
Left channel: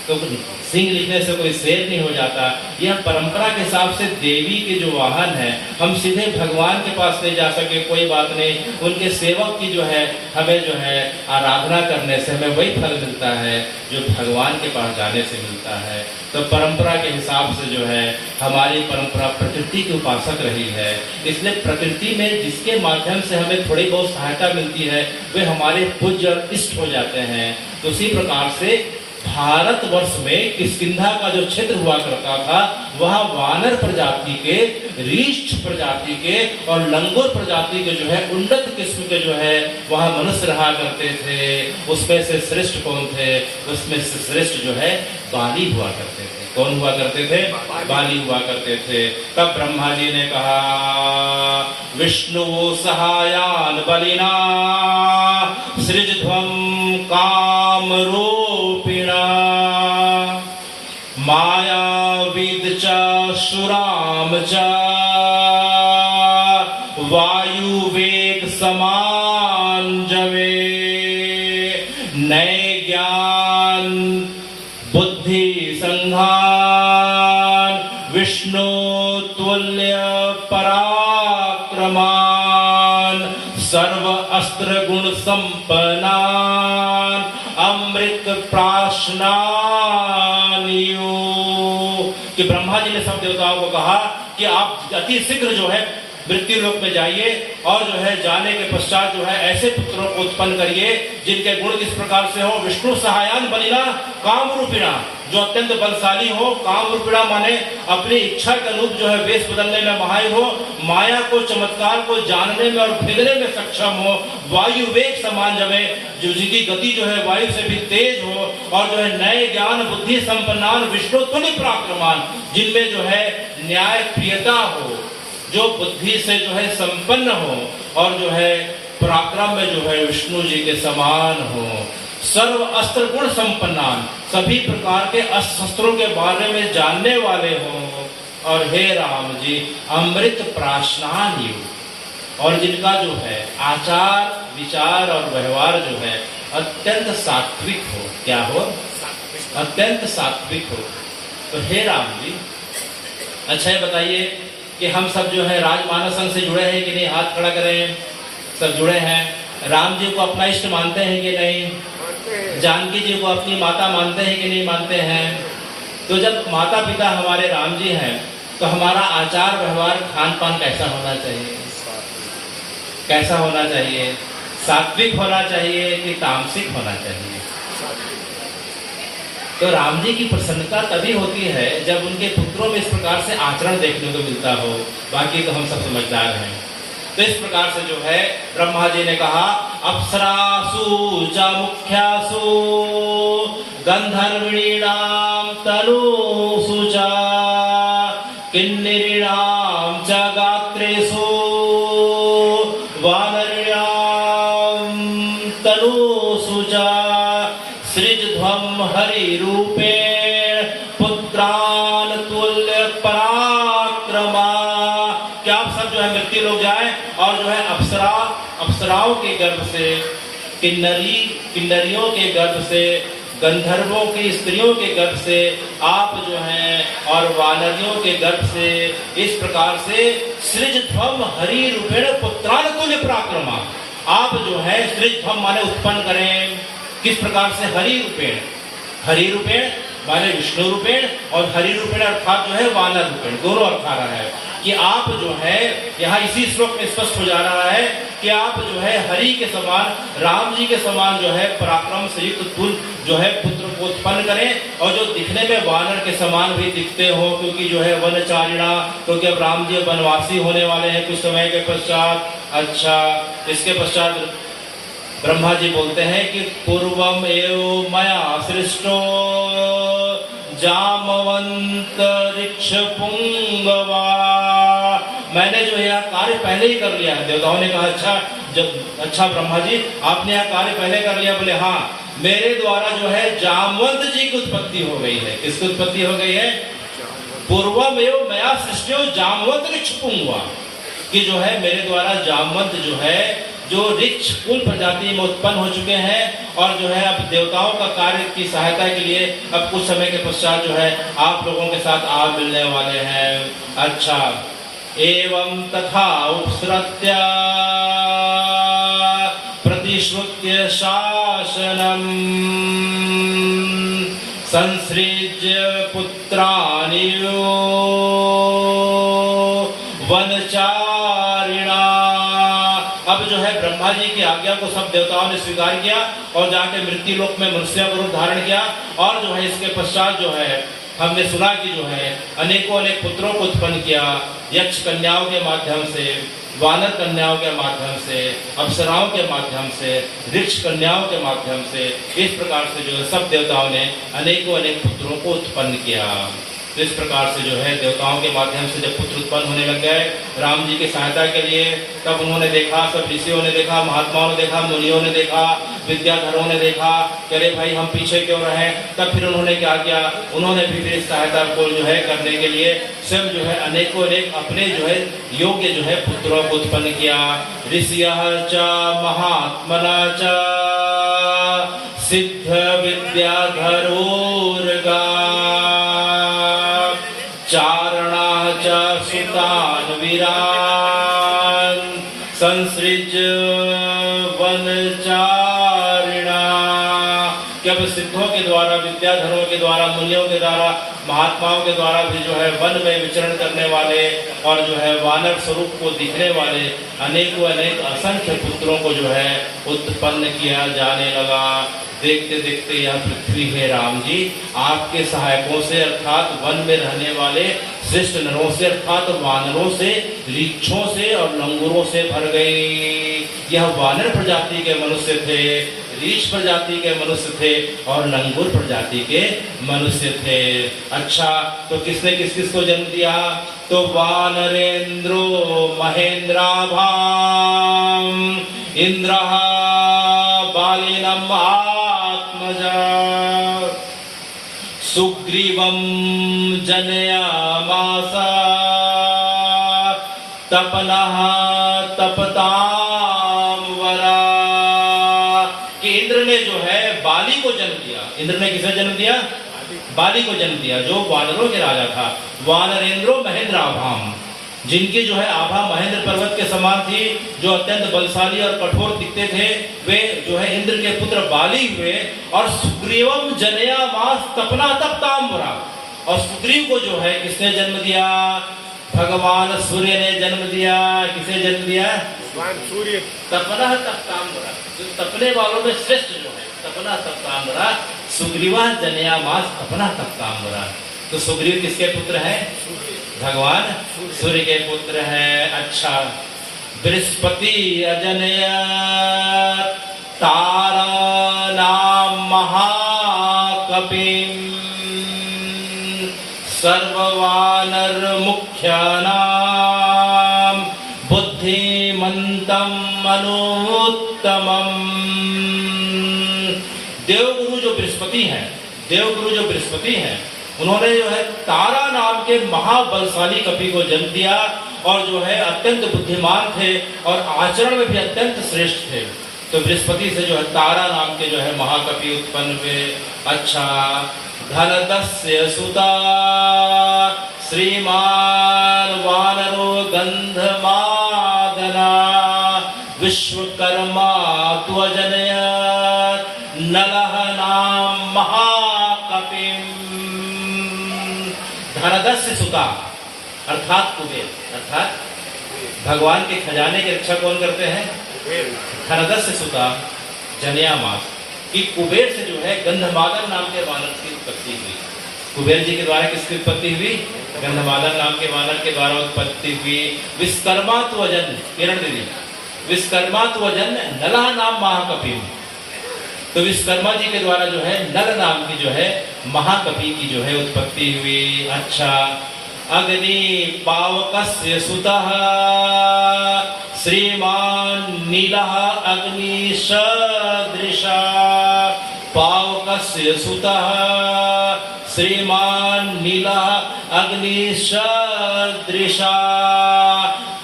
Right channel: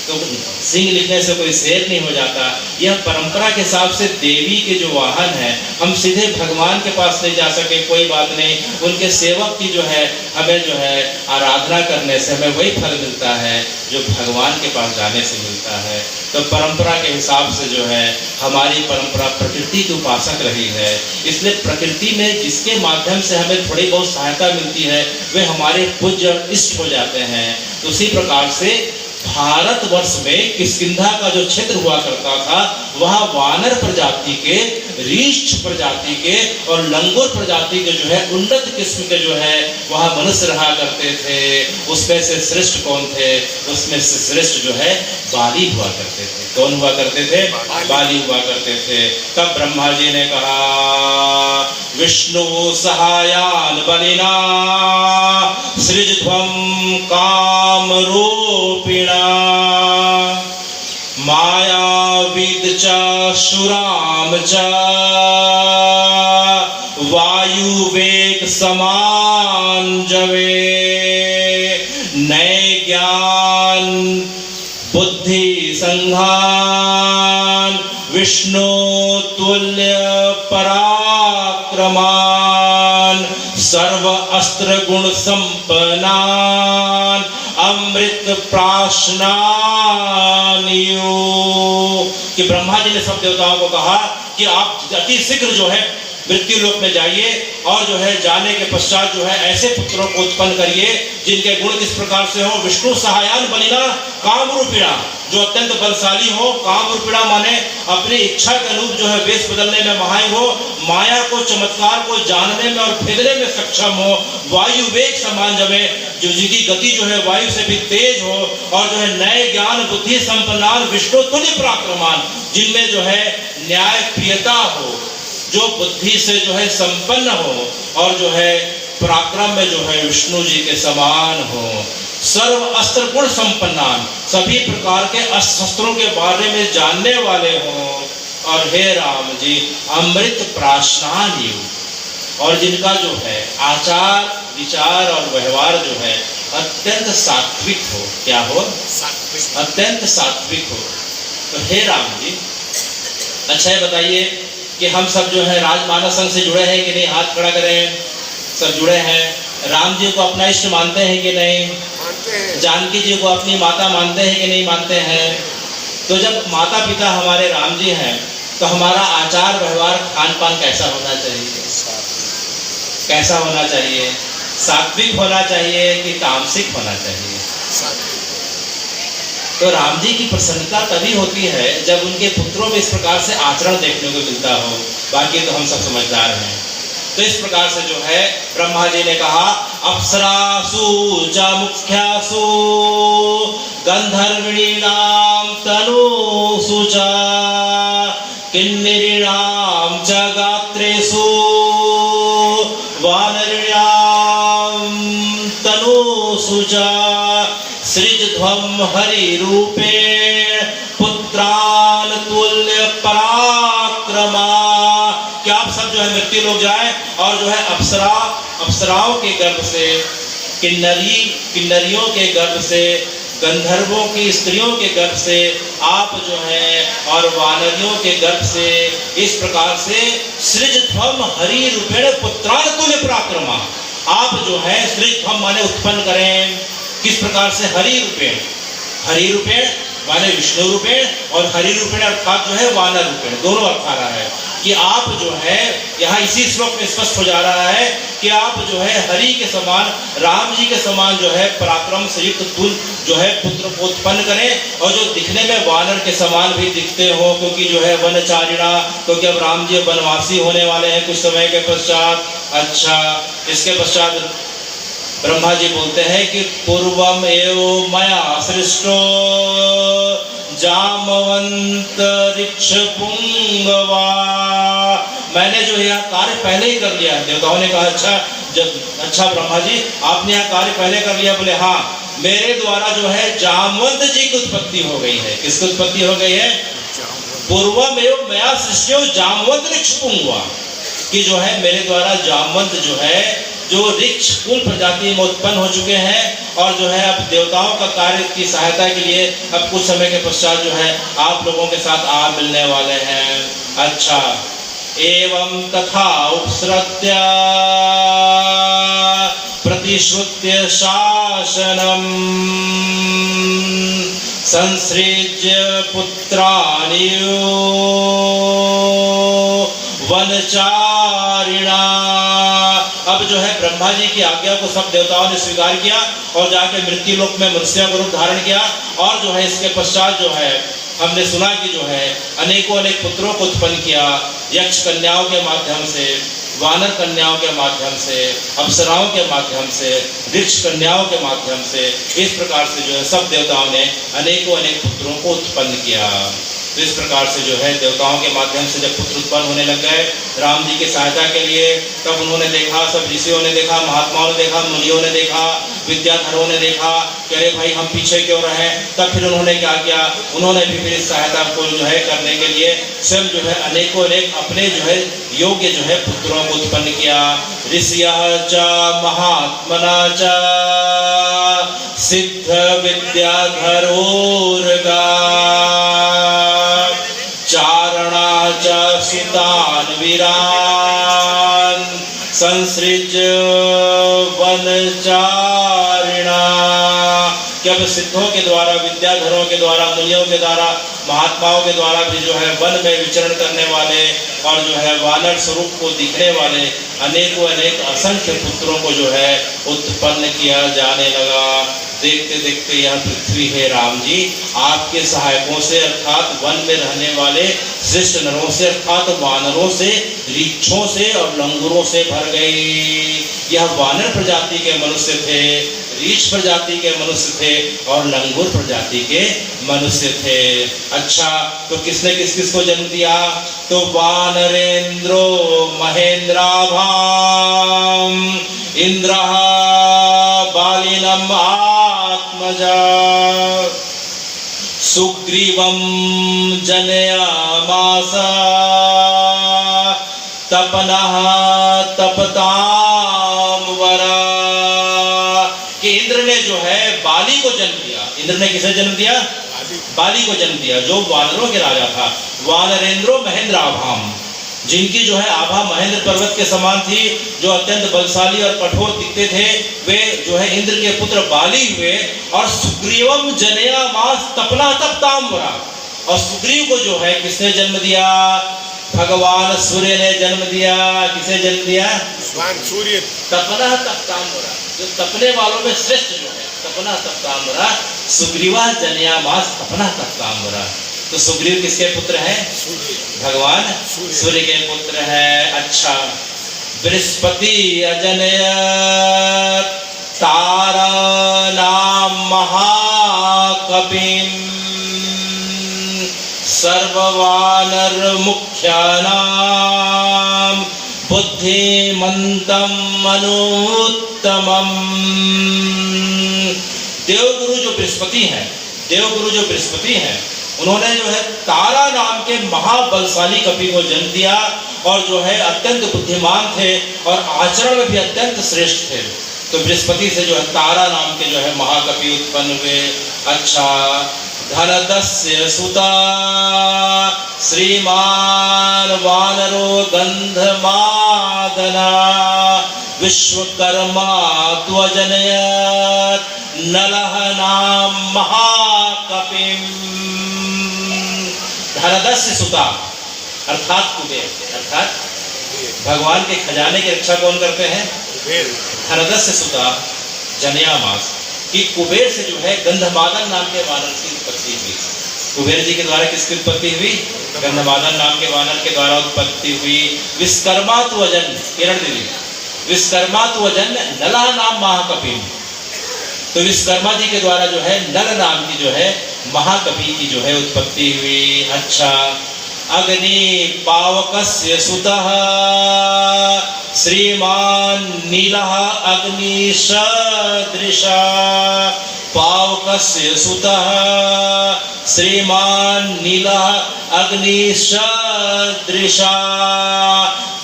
तो सिंह लिखने से कोई शेर नहीं हो जाता। यह परंपरा के हिसाब से देवी के जो वाहन है, हम सीधे भगवान के पास नहीं जा सके, कोई बात नहीं, उनके सेवक की जो है हमें जो है आराधना करने से हमें वही फल मिलता है जो भगवान के पास जाने से मिलता है। तो परंपरा के हिसाब से जो है हमारी परंपरा प्रकृति की उपासक रही है, इसलिए प्रकृति में जिसके माध्यम से हमें थोड़ी बहुत सहायता मिलती है, वे हमारे पूज्य इष्ट हो जाते हैं। उसी प्रकार से भारतवर्ष में किष्किंधा का जो क्षेत्र हुआ करता था, वह वानर प्रजाति के, रीछ प्रजाति के और लंगूर प्रजाति के जो है उन्नत किस्म के जो है वह मनुष्य रहा करते थे। उसमें से श्रेष्ठ कौन थे? उसमें से श्रेष्ठ जो है बाली हुआ करते थे। कौन हुआ करते थे? बाली हुआ करते थे। तब ब्रह्मा जी ने कहा, विष्णु सहायान बलिना सृजध्वं काम रूपिणा मायाविद च शुराम च वायुवेग समान जवे नए ज्ञान बुद्धि संघान विष्णु तुल्य पराक्रमान सर्व अस्त्र गुण संपन्नान अमृत प्राशनानियो। कि ब्रह्मा जी ने सब देवताओं को कहा कि आप अति शीघ्र जो है मृत्यु लोक में जाइए और जो है जाने के पश्चात जो है ऐसे पुत्रों को उत्पन्न करिए जिनके गुण किस प्रकार से हो। विष्णु सहायान बलिना काम रूपिणा, जो अत्यंत बलशाली हो। काम रूपिणा माने अपनी इच्छा के अनुरूप जो है वेश बदलने में माहिर हो, माया को, चमत्कार को जानने में और भेदने में सक्षम हो। वायु वेग समान जमे, जो जिनकी गति जो है वायु से भी तेज हो, और जो है नए ज्ञान बुद्धि संपन्नान विष्णु तुल्य पराक्रमान, जिनमें जो है न्याय प्रियता हो, जो बुद्धि से जो है संपन्न हो और जो है पराक्रम में जो है विष्णु जी के समान हो। सर्व अस्त्र गुण संपन्नान, सभी प्रकार के अस्त्रों के बारे में जानने वाले हों। और हे राम जी अमृत प्राशनान युग, और जिनका जो है आचार विचार और व्यवहार जो है अत्यंत सात्विक हो। क्या हो? अत्यंत सात्विक हो। तो हे राम जी, अच्छा ये बताइए कि हम सब जो है राजमानस संघ से जुड़े हैं कि नहीं? हाथ खड़ा करें। सब जुड़े हैं। राम जी को अपना इष्ट मानते हैं कि नहीं? जानकी जी को अपनी माता मानते हैं कि नहीं मानते हैं? तो जब माता पिता हमारे राम जी हैं तो हमारा आचार व्यवहार खान पान कैसा होना चाहिए? कैसा होना चाहिए? सात्विक होना चाहिए कि तामसिक होना चाहिए? तो राम जी की प्रसन्नता तभी होती है जब उनके पुत्रों में इस प्रकार से आचरण देखने को मिलता हो। बाकी तो हम सब समझदार हैं। तो इस प्रकार से जो है ब्रह्मा जी ने कहा अप्सरासु च मुख्यासु गंधर्विणीनां तनुषु च किन्नरीणां च गात्रेषु वानरीणां तनुषु च सृजध्वं हरिरूपेण पुत्रान् तुल्य पराक्रमा। क्या आप सब जो है मृत्यु लोग जाए और जो है अप्सराओं के गर्भ से, किन्नरियों के गर्भ से, गंधर्वों की स्त्रियों के गर्भ से आप जो है और वानरियों के गर्भ से इस प्रकार से सृजध्वम हरि रूपेण पुत्रान् तुल्य पराक्रमा, आप जो है सृजध्वम माने उत्पन्न करें। किस प्रकार से? हरि रूपेण, हरि रूपेण माने विष्णु रूपेण और हरि रूपेण अर्थात जो है वानर रूपेण, दोनों अर्थ आ रहा है कि आप जो है यहाँ इसी श्लोक में स्पष्ट हो जा रहा है कि आप जो है हरि के समान, राम जी के समान जो है पराक्रम से युक्त तुल्य जो है पुत्र को उत्पन्न करें और जो दिखने में वानर के समान भी दिखते हो, क्योंकि जो है वनचारिणा, क्योंकि अब राम जी वनवासी होने वाले हैं कुछ समय के पश्चात। अच्छा, इसके पश्चात ब्रह्मा जी बोलते हैं कि पूर्वम एव मया सृष्टो जामवंत ऋक्ष पुंगवा, मैंने जो यह कार्य पहले ही कर लिया। देवताओं ने कहा अच्छा ब्रह्मा जी आपने यह कार्य पहले कर लिया? बोले हाँ, मेरे द्वारा जो है जामवंत जी की उत्पत्ति हो गई है। किसकी उत्पत्ति हो गई है? पूर्वम एव मया सृष्टो जामवंत ऋक्ष पुंगवा, कि जो है मेरे द्वारा जामवंत जो है जो ऋक्ष कुल प्रजाति में उत्पन्न हो चुके हैं और जो है अब देवताओं का कार्य की सहायता के लिए अब कुछ समय के पश्चात जो है आप लोगों के साथ आप मिलने वाले हैं। अच्छा, एवं तथा उपसृत्य प्रतिश्रुत्य शासनम संसृज्य पुत्राणि वनचारिणा। अब जो है ब्रह्मा जी की आज्ञा को सब देवताओं ने स्वीकार किया और जाके मृत्यु लोक में मनुष्य का रूप धारण किया और जो है इसके पश्चात जो है हमने सुना कि जो है अनेकों अनेक पुत्रों को उत्पन्न किया, यक्ष कन्याओं के माध्यम से, वानर कन्याओं के माध्यम से, अप्सराओं के माध्यम से, वृक्ष कन्याओं के माध्यम से, इस प्रकार से जो है सब देवताओं ने अनेकों अनेक पुत्रों को उत्पन्न किया। तो इस प्रकार से जो है देवताओं के माध्यम से जब पुत्र उत्पन्न होने लग गए राम जी की सहायता के लिए, तब उन्होंने देखा, सब ऋषियों ने देखा, महात्माओं ने देखा, मुनियों ने देखा, विद्याधरों ने देखा कि अरे भाई हम पीछे क्यों रहे। तब फिर उन्होंने क्या किया? उन्होंने भी फिर इस सहायता को जो है करने के लिए स्वयं जो है अनेकों अनेक अपने जो है योग्य जो है पुत्रों को उत्पन्न किया। ऋषियः च महात्मना च सिद्ध विद्याधरोर्गा चारणा च सुतान् वीरान् संसृज्य वनचारिणा। जब सिद्धों के द्वारा, विद्याधरों के द्वारा, मुनियों के द्वारा, महात्माओं के द्वारा भी जो है वन में विचरण करने वाले और जो है वानर स्वरूप को दिखने वाले अनेकों अनेक असंख्य पुत्रों को जो है उत्पन्न किया जाने लगा। देखते देखते यह पृथ्वी है राम जी आपके सहायकों से अर्थात वन में रहने वाले श्रेष्ठ नरों से अर्थात वानरों से, ऋक्षों से और लंगूरों से भर गई। यह वानर प्रजाति के मनुष्य थे, रीछ प्रजाति के मनुष्य थे और लंगूर प्रजाति के मनुष्य थे। अच्छा, तो किसने किस किस को जन्म दिया? तो वानरेंद्रो महेंद्राभाम इंद्रः बालिनम आत्मजा सुग्रीवं जनयामास तपनः तपताम वरा। कि इंद्र ने जो है बाली को जन्म दिया। इंद्र ने किसे जन्म दिया? बाली को जन्म दिया, जो वानरों के राजा था। वानरेंद्रो महेंद्र आभाम, जिनकी जो है आभा महेंद्र पर्वत के समान थी, जो अत्यंत बलशाली और कठोर दिखते थे, वे जो है इंद्र के पुत्र बाली हुए। और सुग्रीवम जनयामास तपना तपताम्बरा, और सुग्रीव को जो है किसने जन्म दिया? भगवान सूर्य ने जन्म दिया। किसे जन्म दिया? भगवान सूर्य। तपना तपताम्बरा, जो तपने वालों में श्रेष्ठ जो है, तपना तपताम्बरा, सुग्रीवा जनयामास तपना तपताम्बरा। तो सुग्रीव किसके पुत्र हैं? भगवान सूर्य के पुत्र हैं। अच्छा, बृहस्पति अजनयत तारा नाम महाकपिम सर्ववानर मुख्यानाम बुद्धिमंतम मनोत्तमम। देवगुरु जो बृहस्पति हैं, देवगुरु जो बृहस्पति हैं, उन्होंने जो है तारा नाम के महाबलशाली कपि को जन्म दिया, और जो है अत्यंत बुद्धिमान थे और आचरण में भी अत्यंत श्रेष्ठ थे। तो बृहस्पति से जो है तारा नाम के जो है महाकपि उत्पन्न हुए। अच्छा, धनदस्य सुता श्रीमान वानरो गंधमादना विश्वकर्मा त्वजनयत नलः नाम महाकपिम। धनदस्य सुता अर्थात कुबेर, अर्थात भगवान के खजाने की रक्षा कौन करते हैं? धनदस्य सुता जनयामास, कि कुबेर से जो है गंधमादन नाम के वानर की उत्पत्ति हुई। कुबेर जी के द्वारा किसकी उत्पत्ति हुई? गंधमादन नाम के वानर के द्वारा उत्पत्ति हुई। विश्वकर्मा त्वजन, किरण देवी, विश्वकर्मा त्वजन नलः नाम महाकपिम। तो विश्वकर्मा जी के द्वारा जो है नल नाम की जो है महाकपि की जो है उत्पत्ति हुई। अच्छा, अग्नि पावकस्य सुतः श्रीमान नीलः अग्निशदृशा पावकस्य सुतः श्रीमान नीलः अग्निशदृशा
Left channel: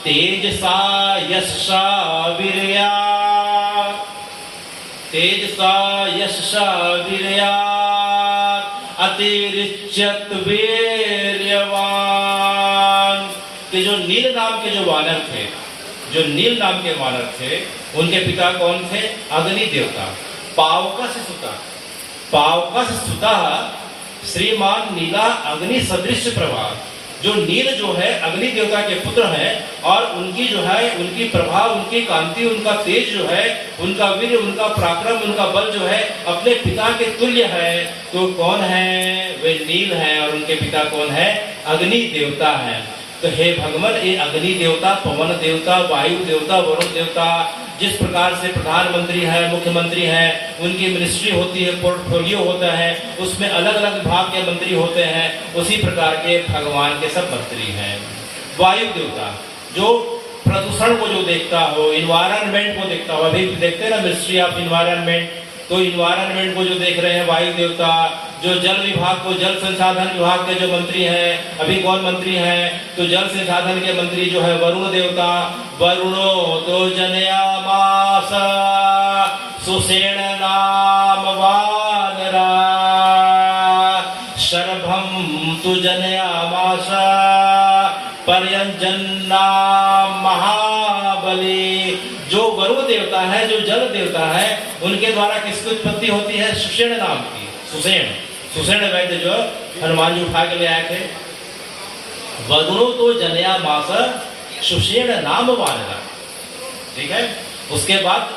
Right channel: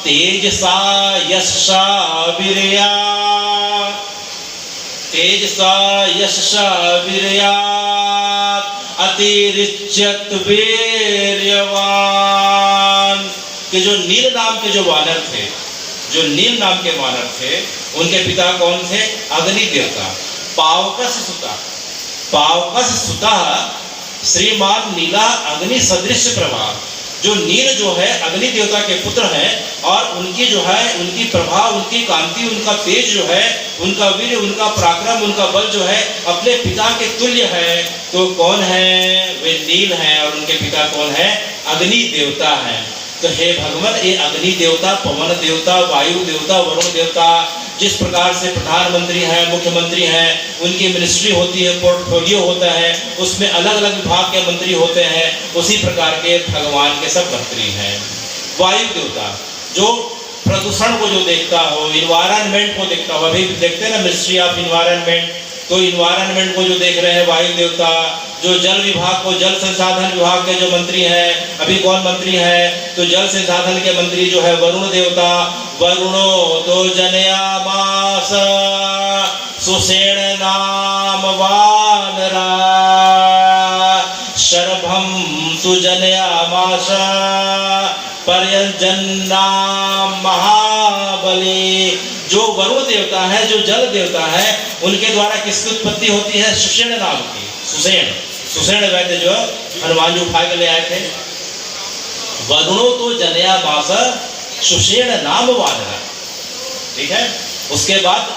तेजसा यशसा वीर्या तेजसा यशसा वीर्या अतिरिच्यत वीर्यवान। कि जो नील नाम के जो वानर थे, जो नील नाम के वानर थे, उनके पिता कौन थे? अग्नि देवता। पावकस सुता, पावकस सुता श्रीमान नीला अग्नि सदृश प्रभा। जो नील जो है अग्नि देवता के पुत्र हैं, और उनकी जो है उनकी प्रभा, उनकी कांति, उनका तेज जो है, उनका वीर, उनका पराक्रम, उनका बल जो है अपने पिता के तुल्य है। तो कौन है? वे नील हैं, और उनके पिता कौन है? अग्नि देवता है। तो हे भगवत, ये अग्नि देवता, पवन देवता, वायु देवता, वरुण देवता, जिस प्रकार से प्रधानमंत्री है, मुख्यमंत्री है, उनकी मिनिस्ट्री होती है, पोर्टफोलियो होता है, उसमें अलग अलग विभाग के मंत्री होते हैं, उसी प्रकार के भगवान के सब मंत्री हैं। वायु देवता जो प्रदूषण को जो देखता हो, इन्वायरमेंट को देखता हो, अभी देखते हैं ना मिनिस्ट्री ऑफ इन्वायरमेंट, तो इन्वायरमेंट को जो देख रहे हैं वायु देवता। जो जल विभाग को, जल संसाधन विभाग के जो मंत्री हैं, अभी कौन मंत्री हैं? तो जल संसाधन के मंत्री जो है वरुण देवता। वरुणो तो जनयामास सुषेण नाम वानरा शरभम सुजनयामास पर्यंजन नाम महाबली। जो वरुण देवता है, जो जल देवता है, उनके द्वारा किसकी उत्पत्ति होती है? सुषेण नाम की। सुषेण, सुषेण वैद्य जो हनुमान जी उठा के ले आए थे। वरुणो तो जनयामास सुषेण नाम वानरा, ठीक है। उसके बाद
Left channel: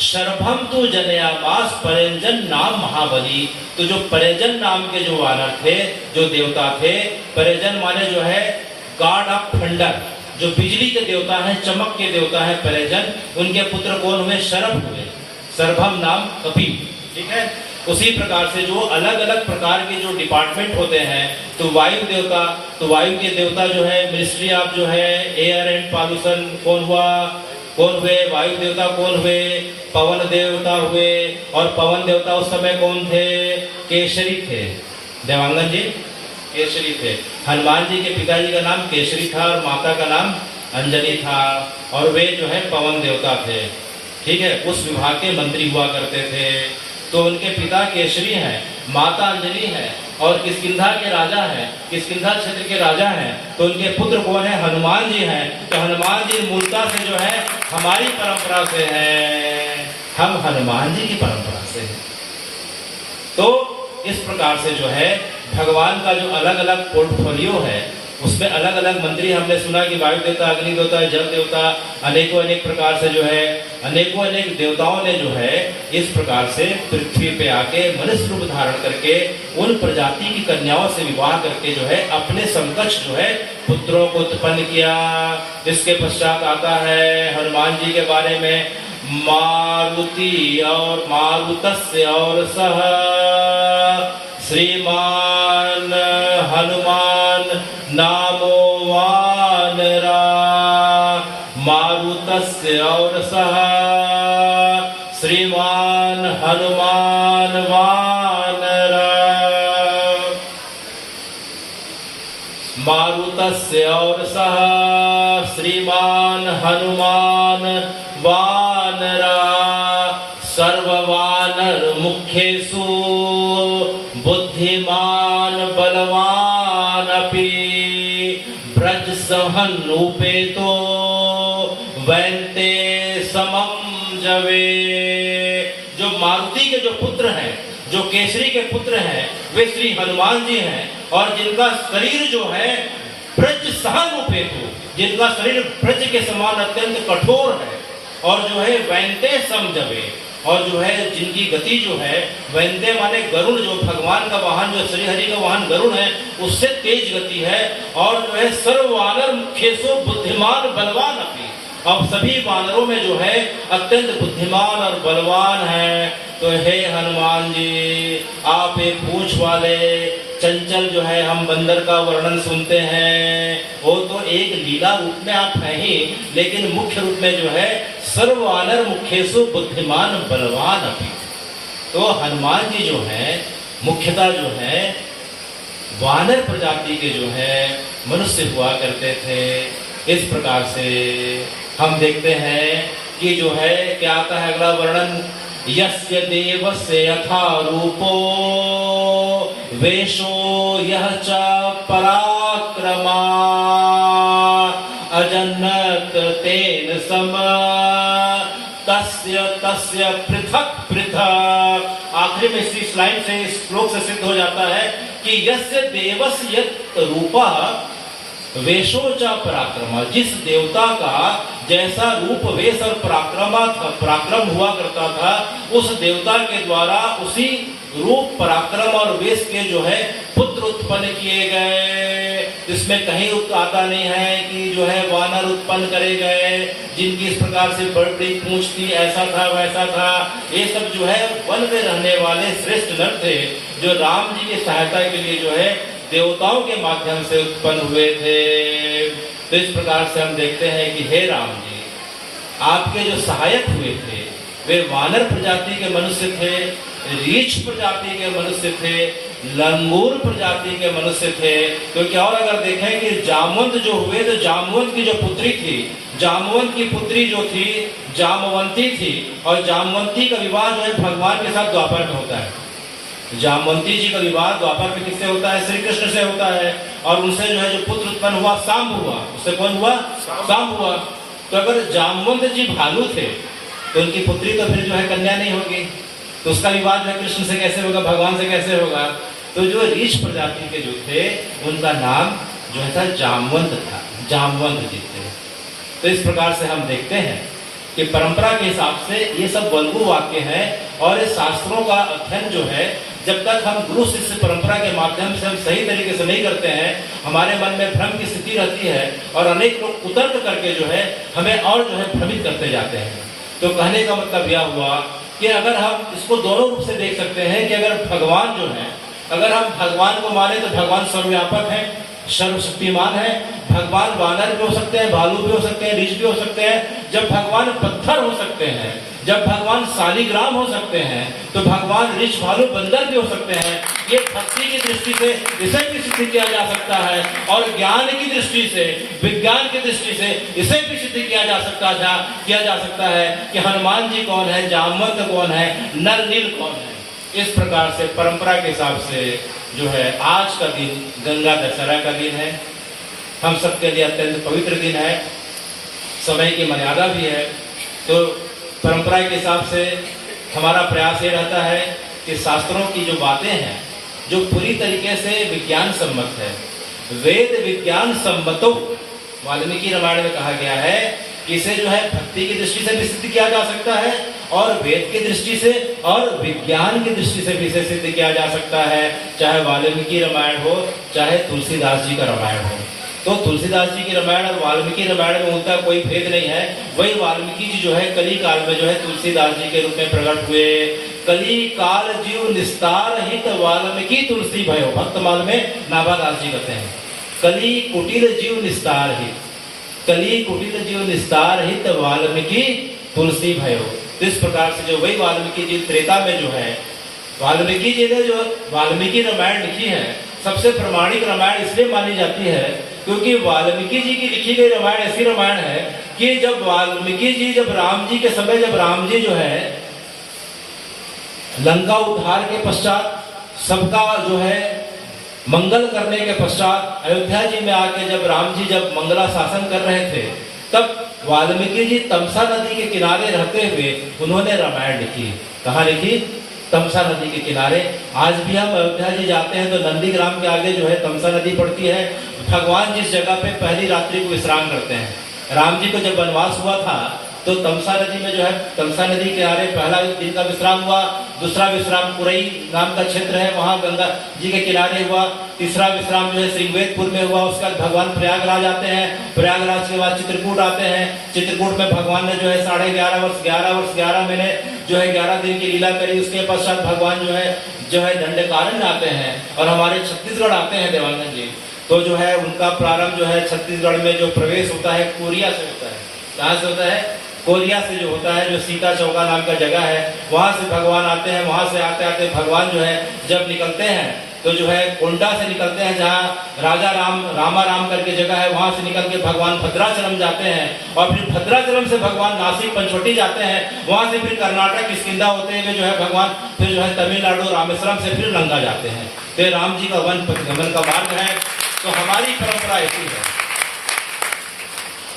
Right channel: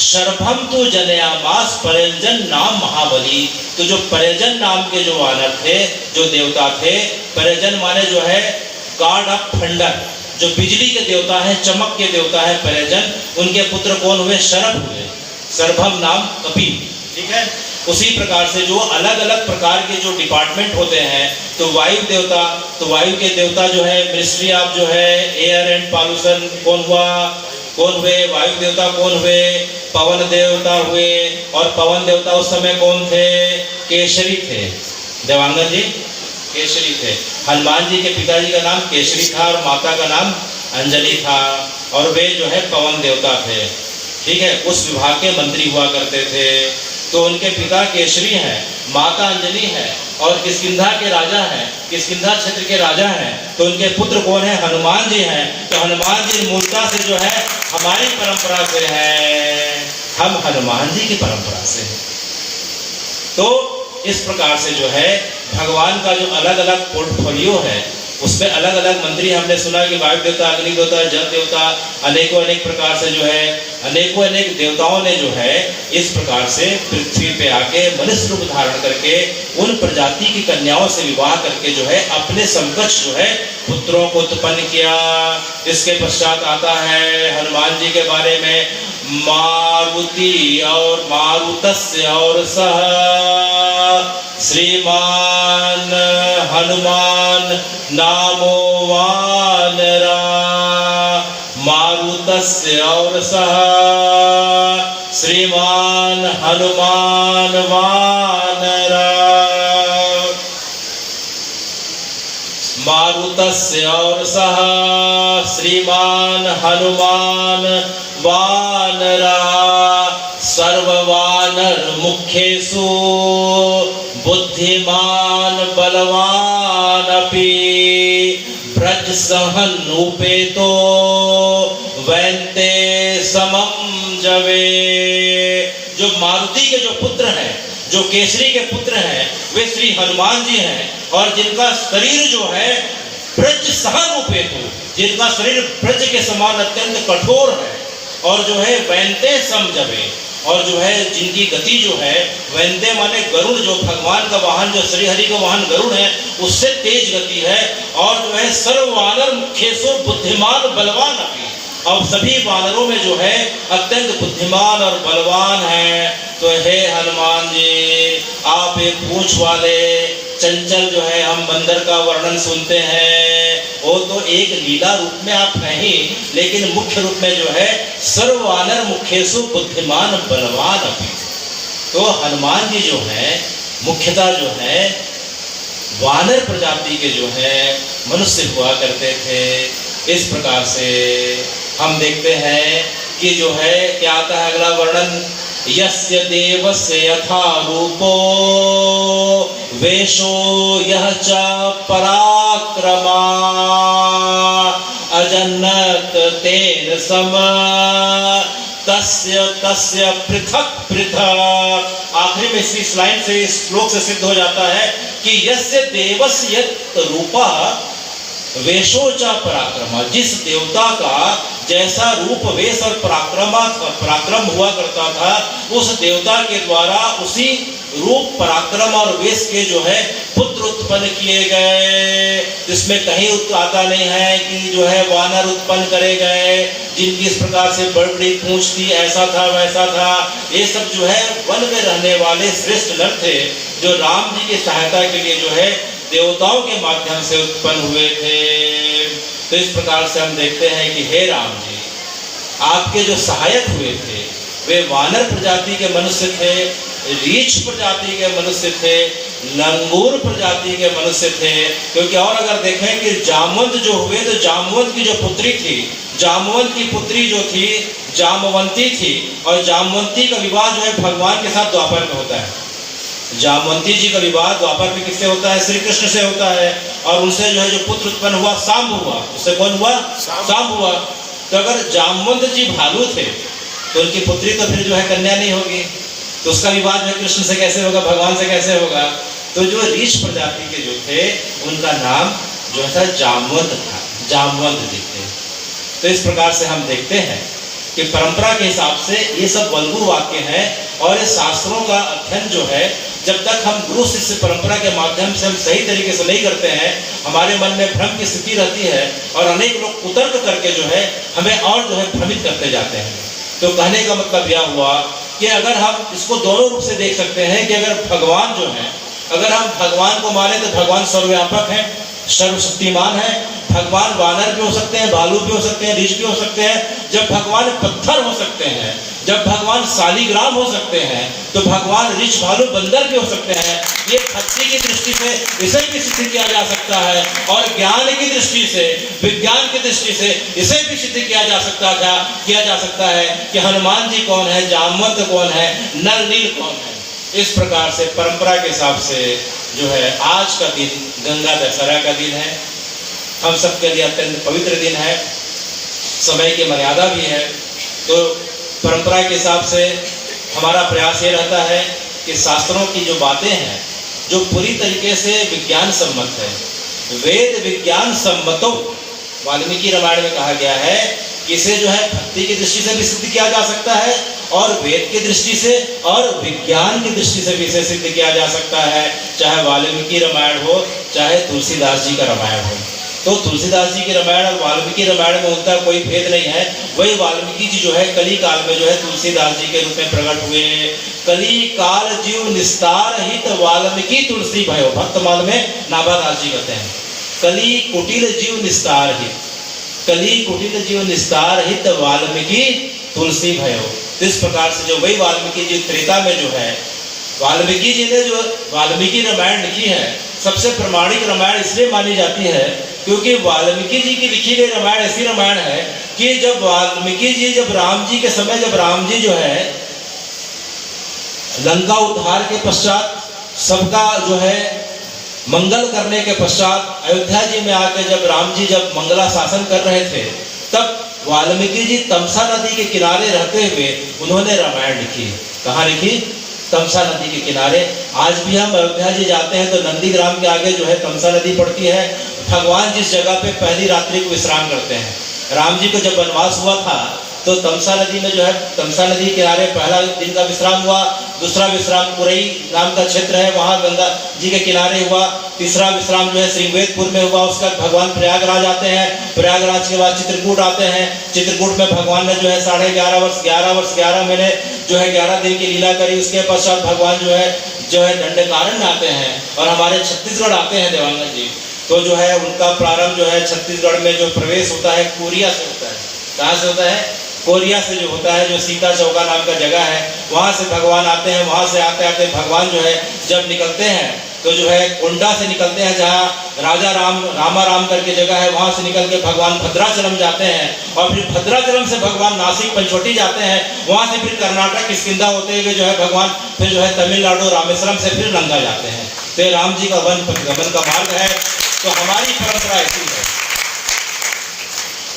शरभम तो जनयामास पर्यंजन नाम महाबली। तो जो पर्यंजन नाम के जो वानर थे, जो देवता थे, पर्यंजन माने जो है गॉड ऑफ थंडर, जो बिजली के देवता है, चमक के देवता है पर्यंजन। उनके पुत्र कौन हुए? शरभ हुए। शरभम नाम कपिल, ठीक है। उसी प्रकार से जो अलग अलग प्रकार के जो डिपार्टमेंट होते हैं, तो वायु देवता, तो वायु के देवता जो है मिनिस्ट्री ऑफ जो है एयर एंड पॉल्यूशन कौन हुआ? कौन हुए? वायु देवता कौन हुए? पवन देवता हुए। और पवन देवता उस समय कौन थे? केशरी थे। देवांगन जी केसरी थे। हनुमान जी के पिताजी का नाम केसरी था और माता का नाम अंजलि था, और वे जो है पवन देवता थे। ठीक है, उस विभाग के मंत्री हुआ करते थे। तो उनके पिता केसरी हैं, माता अंजलि है और किष्किंधा के राजा हैं, किष्किंधा क्षेत्र के राजा हैं। तो उनके पुत्र कौन है? हनुमान जी हैं। तो हनुमान जी मूलता से जो है हमारी परंपरा से है, हम हनुमान जी की परंपरा से हैं। तो इस प्रकार से जो है भगवान का जो अलग अलग पोर्टफोलियो है उसमें अलग अलग मंत्री, हमने सुना कि वायु देवता, अग्नि देवता, जल देवता, अनेकों अनेक प्रकार से जो है अनेकों अनेक देवताओं ने जो है इस प्रकार से पृथ्वी पे आके मनुष्य रूप धारण करके उन प्रजाति की कन्याओं से विवाह करके जो है अपने समकक्ष जो है पुत्रों को उत्पन्न किया। इसके पश्चात आता है हनुमान जी के बारे में, मारुति और मारुतस्य और सह श्रीमान हनुमान नामो वानरा, मारुतस्य और सह श्रीमान हनुमान वानरा, मारुतस्य और सह श्रीमान हनुमान वानरा, सर्ववानर मुख्येषु बुद्धिमान बलवान अपि, ब्रज सहन उपेतो वैन्ते समम जवे। जो मारुति के जो पुत्र हैं, जो केसरी के पुत्र हैं, वे श्री हनुमान जी हैं, और जिनका शरीर जो है ब्रज सहन उपेतो, जिनका शरीर ब्रज के समान अत्यंत कठोर है, और जो है वैन्ते सम जवे, और जो है जिनकी गति जो है वैन्ते माने गरुड़, जो भगवान का वाहन, जो श्री हरि का वाहन गरुड़ है, उससे तेज गति है, और जो है सर्व वानर मुख्येषु बुद्धिमान बलवान अपि, और सभी वानरों में जो है अत्यंत बुद्धिमान और बलवान है। तो हे हनुमान जी, आप एक पूंछ वाले चंचल जो है, हम बंदर का वर्णन सुनते हैं, वो तो एक लीला रूप में आप हैं ही, लेकिन मुख्य रूप में जो है सर्ववानर मुख्येषु बुद्धिमान बलवान अपि। तो हनुमान जी जो है मुख्यतः जो है वानर प्रजाति के जो है मनुष्य हुआ करते थे। इस प्रकार से हम देखते हैं कि जो है क्या आता है अगला वर्णन, यस्य देवस्य यथा रूपो वेशो यह च पराक्रमा, अजन्नत तेन सम तस्य तस्य पृथक पृथक। आखिरी में इस लाइन से, इस श्लोक से सिद्ध हो जाता है कि यस्य देवस्य यत् रूपा वेशो च पराक्रमा, जिस देवता का जैसा रूप वेश और पराक्रम हुआ करता था, उस देवता के द्वारा उसी रूप पराक्रम और वेश के जो है पुत्र उत्पन्न किए गए। इसमें कहीं आता नहीं है कि जो है वानर उत्पन्न करे गए जिनकी इस प्रकार से बड़ी बड़ी पूंछ थी, ऐसा था वैसा था। ये सब जो है वन में रहने वाले श्रेष्ठ नर थे, जो राम जी की सहायता के लिए जो है देवताओं के माध्यम से उत्पन्न हुए थे। तो इस प्रकार से हम देखते हैं कि हे राम जी, आपके जो सहायक हुए थे वे वानर प्रजाति के मनुष्य थे, रीछ प्रजाति के मनुष्य थे, लंगूर प्रजाति के मनुष्य थे। क्योंकि और अगर देखें कि जामवंत जो हुए, तो जामवंत की जो पुत्री थी, जामवंत की पुत्री जो थी जामवंती थी, और जामवंती का विवाह जो है भगवान के साथ द्वापर में होता है। जामवंती जी का विवाह द्वापर में किससे होता है? श्री कृष्ण से होता है। और उनसे जो है जो पुत्र उत्पन्न हुआ सांब हुआ। उससे कौन हुआ? सांब हुआ। तो अगर जामवंत जी भालू थे तो उनकी पुत्री तो फिर जो है कन्या नहीं होगी, तो उसका विवाह जो है कृष्ण से कैसे होगा, भगवान से कैसे होगा? तो जो रीछ प्रजाति के जो थे उनका नाम जो था जामवंत था, जामवंत जी थे। तो इस प्रकार से हम देखते हैं कि परंपरा के हिसाब से ये सब बलगु वाक्य हैं, और ये शास्त्रों का अध्ययन जो है जब तक हम गुरु शिष्य परंपरा के माध्यम से हम सही तरीके से नहीं करते हैं, हमारे मन में भ्रम की स्थिति रहती है, और अनेक लोग कुतर्क करके जो है हमें और जो है भ्रमित करते जाते हैं। तो कहने का मतलब यह हुआ कि अगर हम इसको दोनों रूप से देख सकते हैं कि अगर भगवान जो है, अगर हम भगवान को माने तो भगवान सर्वव्यापक है, सर्वशक्तिमान है। भगवान वानर भी हो सकते हैं, भालू भी हो सकते हैं, रीछ भी हो सकते हैं। जब भगवान पत्थर हो सकते हैं, जब भगवान शालिग्राम हो सकते हैं तो भगवान ऋष भालू बंदर भी हो सकते हैं। ये भक्ति की दृष्टि से इसे भी सिद्ध किया जा सकता है और ज्ञान की दृष्टि से, विज्ञान की दृष्टि से इसे भी सिद्ध किया जा सकता है कि हनुमान जी कौन है, जामवंत कौन है, नर नील कौन है। इस प्रकार से परंपरा के हिसाब से जो है आज का दिन गंगा दशहरा का दिन है, हम सबके लिए अत्यंत पवित्र दिन है, समय की मर्यादा भी है। तो परंपरा के हिसाब से हमारा प्रयास ये रहता है कि शास्त्रों की जो बातें हैं जो पूरी तरीके से विज्ञान सम्मत है, वेद विज्ञान सम्मतो, वाल्मीकि रामायण में कहा गया है कि इसे जो है भक्ति की दृष्टि से भी सिद्ध किया जा सकता है और वेद की दृष्टि से और विज्ञान की दृष्टि से भी इसे सिद्ध किया जा सकता है, चाहे वाल्मीकि रामायण हो चाहे तुलसीदास जी का रामायण हो। तो तुलसीदास जी की रामायण और वाल्मीकि रामायण में उनका कोई भेद नहीं है। वही वाल्मीकि जी जो है कली काल में जो है तुलसीदास जी के रूप में प्रकट हुए। कली काल जीव निस्तार हित वाल्मीकि तुलसी भयो, भक्तमाल में नाभादास जी कहते हैं कली कुटिल जीव निस्तार हित, कली कुटिल जीव निस्तार हित वाल्मीकि तुलसी भयो। इस प्रकार से जो वही वाल्मीकि जी त्रेता में जो है, वाल्मीकि जी ने जो वाल्मीकि रामायण लिखी है सबसे प्रमाणिक रामायण इसलिए मानी जाती है क्योंकि वाल्मीकि जी की लिखी गई रामायण ऐसी रामायण है कि जब वाल्मीकि जी जब राम जी के समय जब राम जी जो है लंका उद्धार के पश्चात सबका जो है मंगल करने के पश्चात अयोध्या जी में आकर जब राम जी जब मंगला शासन कर रहे थे तब वाल्मीकि जी तमसा नदी के किनारे रहते हुए उन्होंने रामायण लिखी। कहाँ लिखी? तमसा नदी के किनारे। आज भी हम अयोध्या जी जाते हैं तो नंदीग्राम के आगे जो है तमसा नदी पड़ती है। भगवान जिस जगह पे पहली रात्रि को विश्राम करते हैं, राम जी को जब वनवास हुआ था तो तमसा नदी में जो है तमसा नदी के किनारे पहला दिन का विश्राम हुआ, दूसरा विश्राम पुरई नाम का क्षेत्र है वहाँ गंगा जी के किनारे हुआ, तीसरा विश्राम जो है श्रृंगवेदपुर में हुआ। उसका भगवान प्रयागराज आते हैं, प्रयागराज के बाद चित्रकूट आते हैं, चित्रकूट में भगवान ने जो है 11.5 वर्ष 11 महीने जो है 11 दिन की लीला करी। उसके पश्चात भगवान जो है दंडकारण्य आते हैं और हमारे छत्तीसगढ़ आते हैं देवांगन जी। तो जो है उनका प्रारंभ जो है छत्तीसगढ़ में जो प्रवेश होता है कोरिया से होता है। कहाँ से होता है? कोरिया से जो होता है, जो सीता चौका नाम का जगह है वहां से भगवान आते हैं। वहां से आते आते भगवान जो है जब निकलते हैं तो जो है कोंडा से निकलते हैं जहाँ राजा रामाराम करके जगह है, वहां से निकल के भगवान भद्राचलम जाते हैं और फिर भद्राचलम से भगवान नासिक पंचवटी जाते हैं। वहां से फिर कर्नाटक किष्किंधा होते हुए जो है भगवान फिर जो है तमिलनाडु रामेश्वरम से फिर लंका जाते हैं। तो राम जी का गमन का मार्ग है। तो हमारी परंपरा ऐसी है,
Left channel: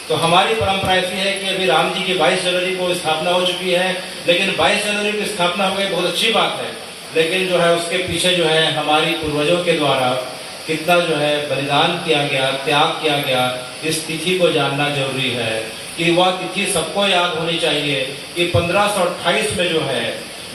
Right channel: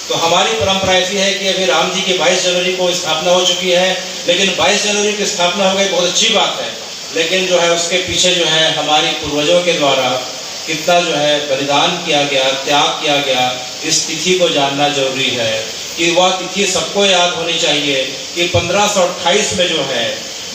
तो हमारी परंपरा ऐसी है कि अभी राम जी की 22 जनवरी को स्थापना हो चुकी है, लेकिन 22 जनवरी की स्थापना हो गई बहुत अच्छी बात है, लेकिन जो है उसके पीछे जो है हमारी पूर्वजों के द्वारा कितना जो है बलिदान किया गया, त्याग किया गया, इस तिथि को जानना जरूरी है कि वह तिथि सबको याद होनी चाहिए कि 1528 में जो है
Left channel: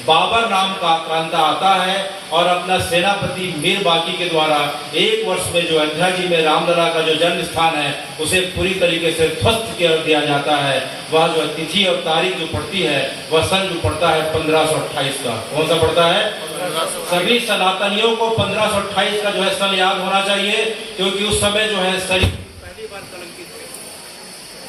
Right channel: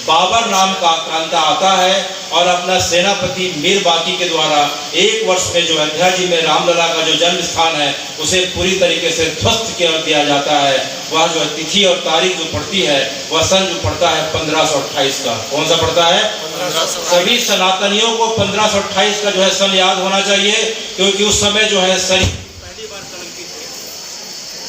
बाबर नाम का आक्रांता आता है और अपना सेनापति मीर बाकी के द्वारा 1 वर्ष में जो अयोध्या जी में रामलला का जो जन्म स्थान है उसे पूरी तरीके से ध्वस्त कर दिया जाता है। वह जो तिथि और तारीख जो पड़ती है वह सन जो पड़ता है 1528 का। कौन सा पड़ता है? सभी सनातनियों को 1528 का जो है सन याद होना चाहिए, क्योंकि उस समय जो है पहली बार कलंकित हुई,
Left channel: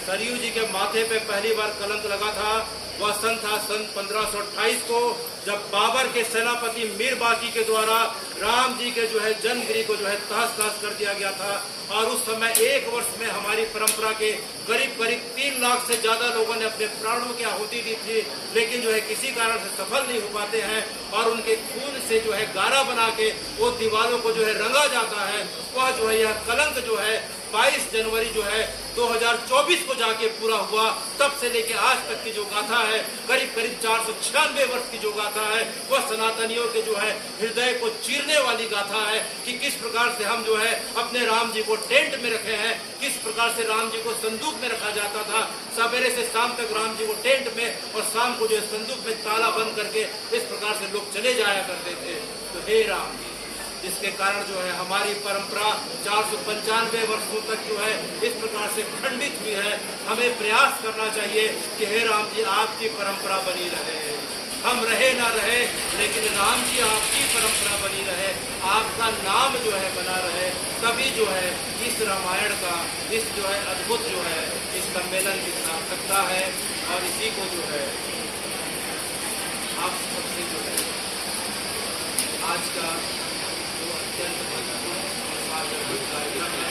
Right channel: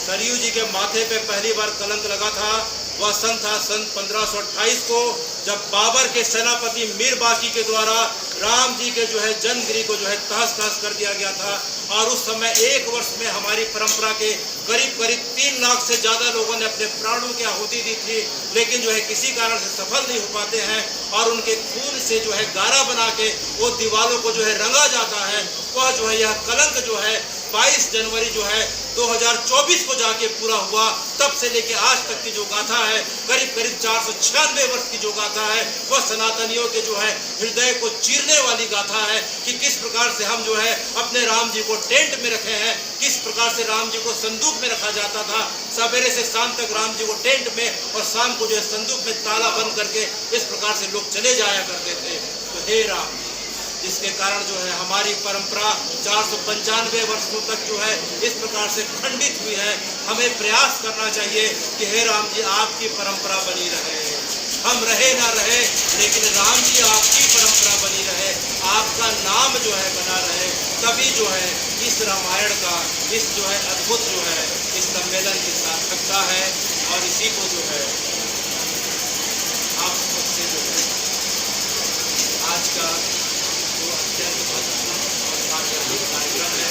सरयू जी के माथे पे पहली बार कलंक लगा था। वह सन था सन 1528 को, जब बाबर के सेनापति मीर बाकी के द्वारा राम जी के जो है जन्मगिरी को जो है तहस नहस कर दिया गया था। और उस समय 1 वर्ष में हमारी परंपरा के करीब 3 लाख से ज्यादा लोगों ने अपने प्राणों की आहुति दी थी, लेकिन जो है किसी कारण से सफल नहीं हो पाते हैं और उनके खून से जो है गारा बना के वो दीवारों को जो है रंगा जाता है। वह जो है यह कलंक जो है 22 जनवरी जो है 2024 को जाके पूरा हुआ। तब से लेके आज तक की जो गाथा है करीब 496 वर्ष की जो गाथा है वह सनातनियों के जो है हृदय को चीरने वाली गाथा है कि किस प्रकार से हम जो है अपने राम जी को टेंट में रखे हैं, किस प्रकार से राम जी को संदूक में रखा जाता था। सवेरे से शाम तक राम जी को टेंट में और शाम को जो है संदूक में ताला बंद करके इस प्रकार से लोग चले जाया करते थे। तो हे राम जी, जिसके कारण जो है हमारी परंपरा 495 वर्षों तक जो है इस प्रकार से खंडित हुई है। हमें प्रयास करना चाहिए कि हे राम जी आपकी परंपरा बनी रहे, हम रहे ना रहे लेकिन राम जी आपकी परंपरा बनी रहे, आपका नाम जो है बना रहे। तभी जो है इस रामायण का इस जो है अद्भुत जो है इस सम्मेलन की सार्थकता है। और इसी को जो है आप सबसे जो है आज का जो अत्यंत महत्वपूर्ण और सार्वजनिक कार्यक्रम है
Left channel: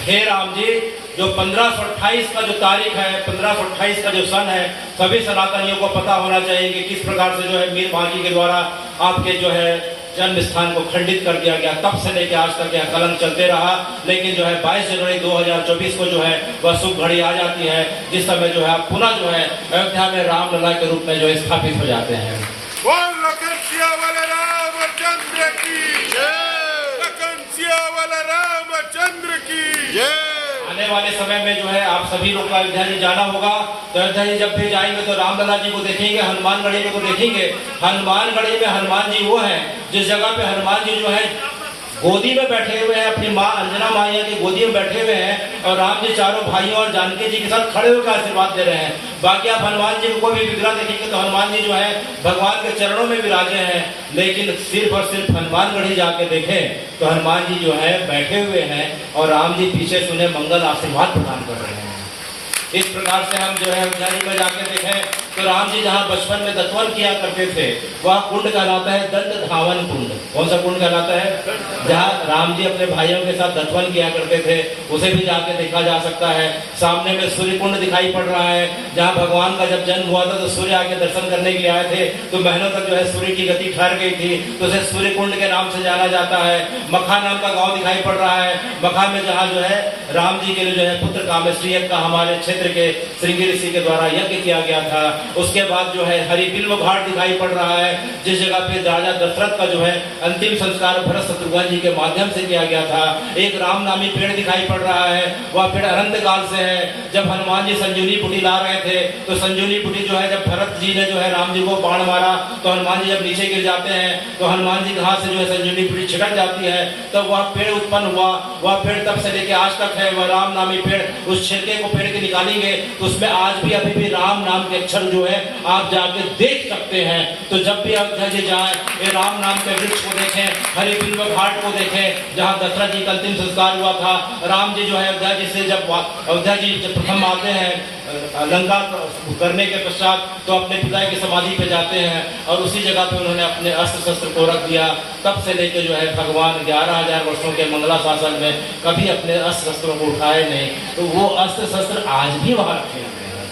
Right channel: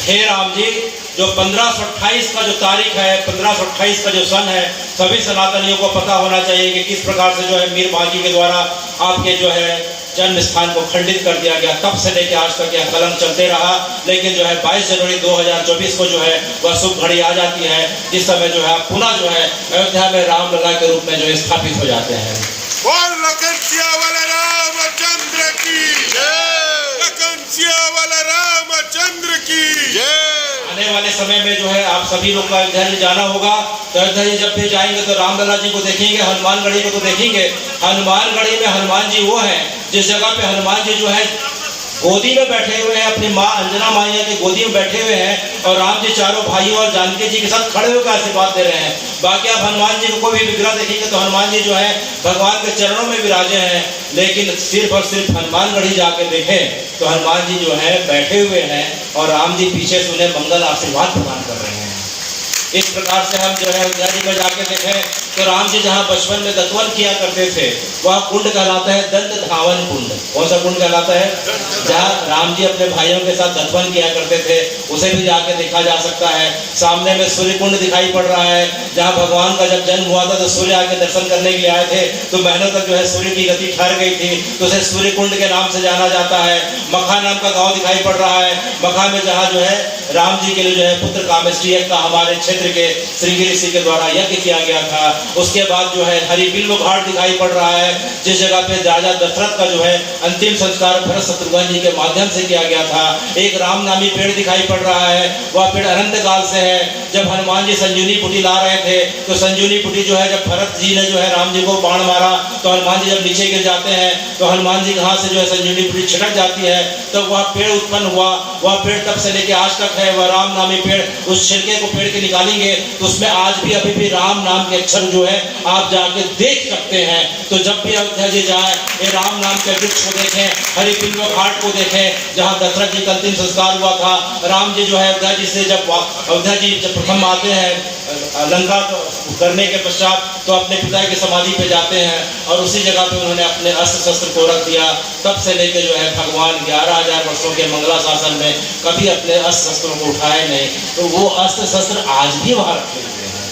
हे राम जी, जो 1528 का जो तारीख है, 1528 का जो सन है, सभी सनातनियों को पता होना चाहिए कि किस प्रकार से जो है मीर मांझी के द्वारा आपके जो है जन्म स्थान को खंडित कर दिया गया। तब से लेकर आज तक यह कलंक चलते रहा, लेकिन जो है 22 जनवरी 2024 को जो है वह शुभ घड़ी आ जाती है, जिस समय जो है पुनः जो है अयोध्या में रामलला के रूप में जो स्थापित हो जाते हैं। आने वाले समय में जो है आप सभी लोग को अयोध्या जी जाना होगा, तो अयोध्या जी जब भी जाएंगे तो रामलला जी को देखेंगे, हनुमानगढ़ी को देखेंगे। हनुमानगढ़ी में हनुमान जी वो है जिस जगह पे हनुमान जी जो है गोदी में बैठे हुए हैं, अपनी माँ अंजना माया की गोदी में बैठे हुए हैं, और राम जी चारों भाइयों और जानकी जी के साथ खड़े होकर आशीर्वाद दे रहे हैं। बाकी आप हनुमान जी को भी विग्रह देखेंगे तो हनुमान जी जो है भगवान के चरणों में विराजे हैं, लेकिन सिर्फ और सिर्फ हनुमानगढ़ी जाके देखें तो हनुमान जी जो है बैठे हुए हैं और राम जी पीछे से उन्हें मंगल आशीर्वाद प्रदान कर रहे हैं। इस प्रकार से हम जो है अयोध्या जी में जाके देखें तो राम जी जहाँ बचपन में दत्वन किया करते थे वह कुंड कहलाता है दंत धावन कुंड। कौन सा कुंड कहलाता है? जहाँ राम जी अपने भाइयों के साथ दत्वन किया करते थे, उसे भी जाके देखा जा सकता है। सामने में सूर्य कुंड दिखाई पड़ रहा है, जहाँ भगवान का जब जन्म हुआ था तो सूर्य आके दर्शन करने के लिए आए थे, तो महीनों तक जो है सूर्य की गति ठहर गई थी, तो उसे सूर्य कुंड के नाम से जाना जाता है। मखा नाम का गाँव दिखाई पड़ रहा है, मखा में जहाँ जो है राम जी के लिए जो है पुत्र कामेष्टि यज्ञ का हमारे क्षेत्र के श्रृंगी ऋषि के द्वारा यज्ञ किया गया था। उसके बाद जो है हरिबिल्व घाट दिखाई पड़ रहा है, जिस जगह पे राजा दशरथ का जो है अंतिम संस्कार भरत शत्रुघ्न जी के माध्यम से किया गया था। एक राम नामी पेड़ दिखाई पड़ रहा है, वह पेड़ अनंत काल से है। जब हनुमान जी संजीवनी पुटी ला रहे थे तो संजीवनी पुटी जो है जब भरत जी ने जो है राम जी को बाण मारा तो हनुमान जी जब नीचे गिर जाते हैं तो हनुमान जी कहाँ से जो है संजीवनी पुटी छिटक जाती है, तब वह पेड़ उत्पन्न हुआ। वह पेड़ तब से लेके आज तक है, वह राम नामी पेड़। उस छिलके को पेड़ के निकालेंगे उसमें आज भी अभी भी राम नाम के अक्षर जो है आप जाके देख सकते हैं। तो जब भी अयोध्या जी जाए ये राम नाम के वृक्ष को देखें, हरिबिल्व घाट को देखें जहाँ दशरथ जी का अंतिम संस्कार हुआ था। राम जी जो है अयोध्या जी से जब अयोध्या जी जब प्रथम आते हैं लंका करने के पश्चात तो अपने पिता की समाधि पे जाते हैं और उसी जगह पे उन्होंने अपने अस्त्र शस्त्र को रख दिया। तब से लेकर जो है भगवान 11,000 वर्षों के मंगला शासन में कभी अपने अस्त्र शस्त्रों को उठाए नहीं, तो वो अस्त्र शस्त्र आज भी वहां रखे हुए हैं।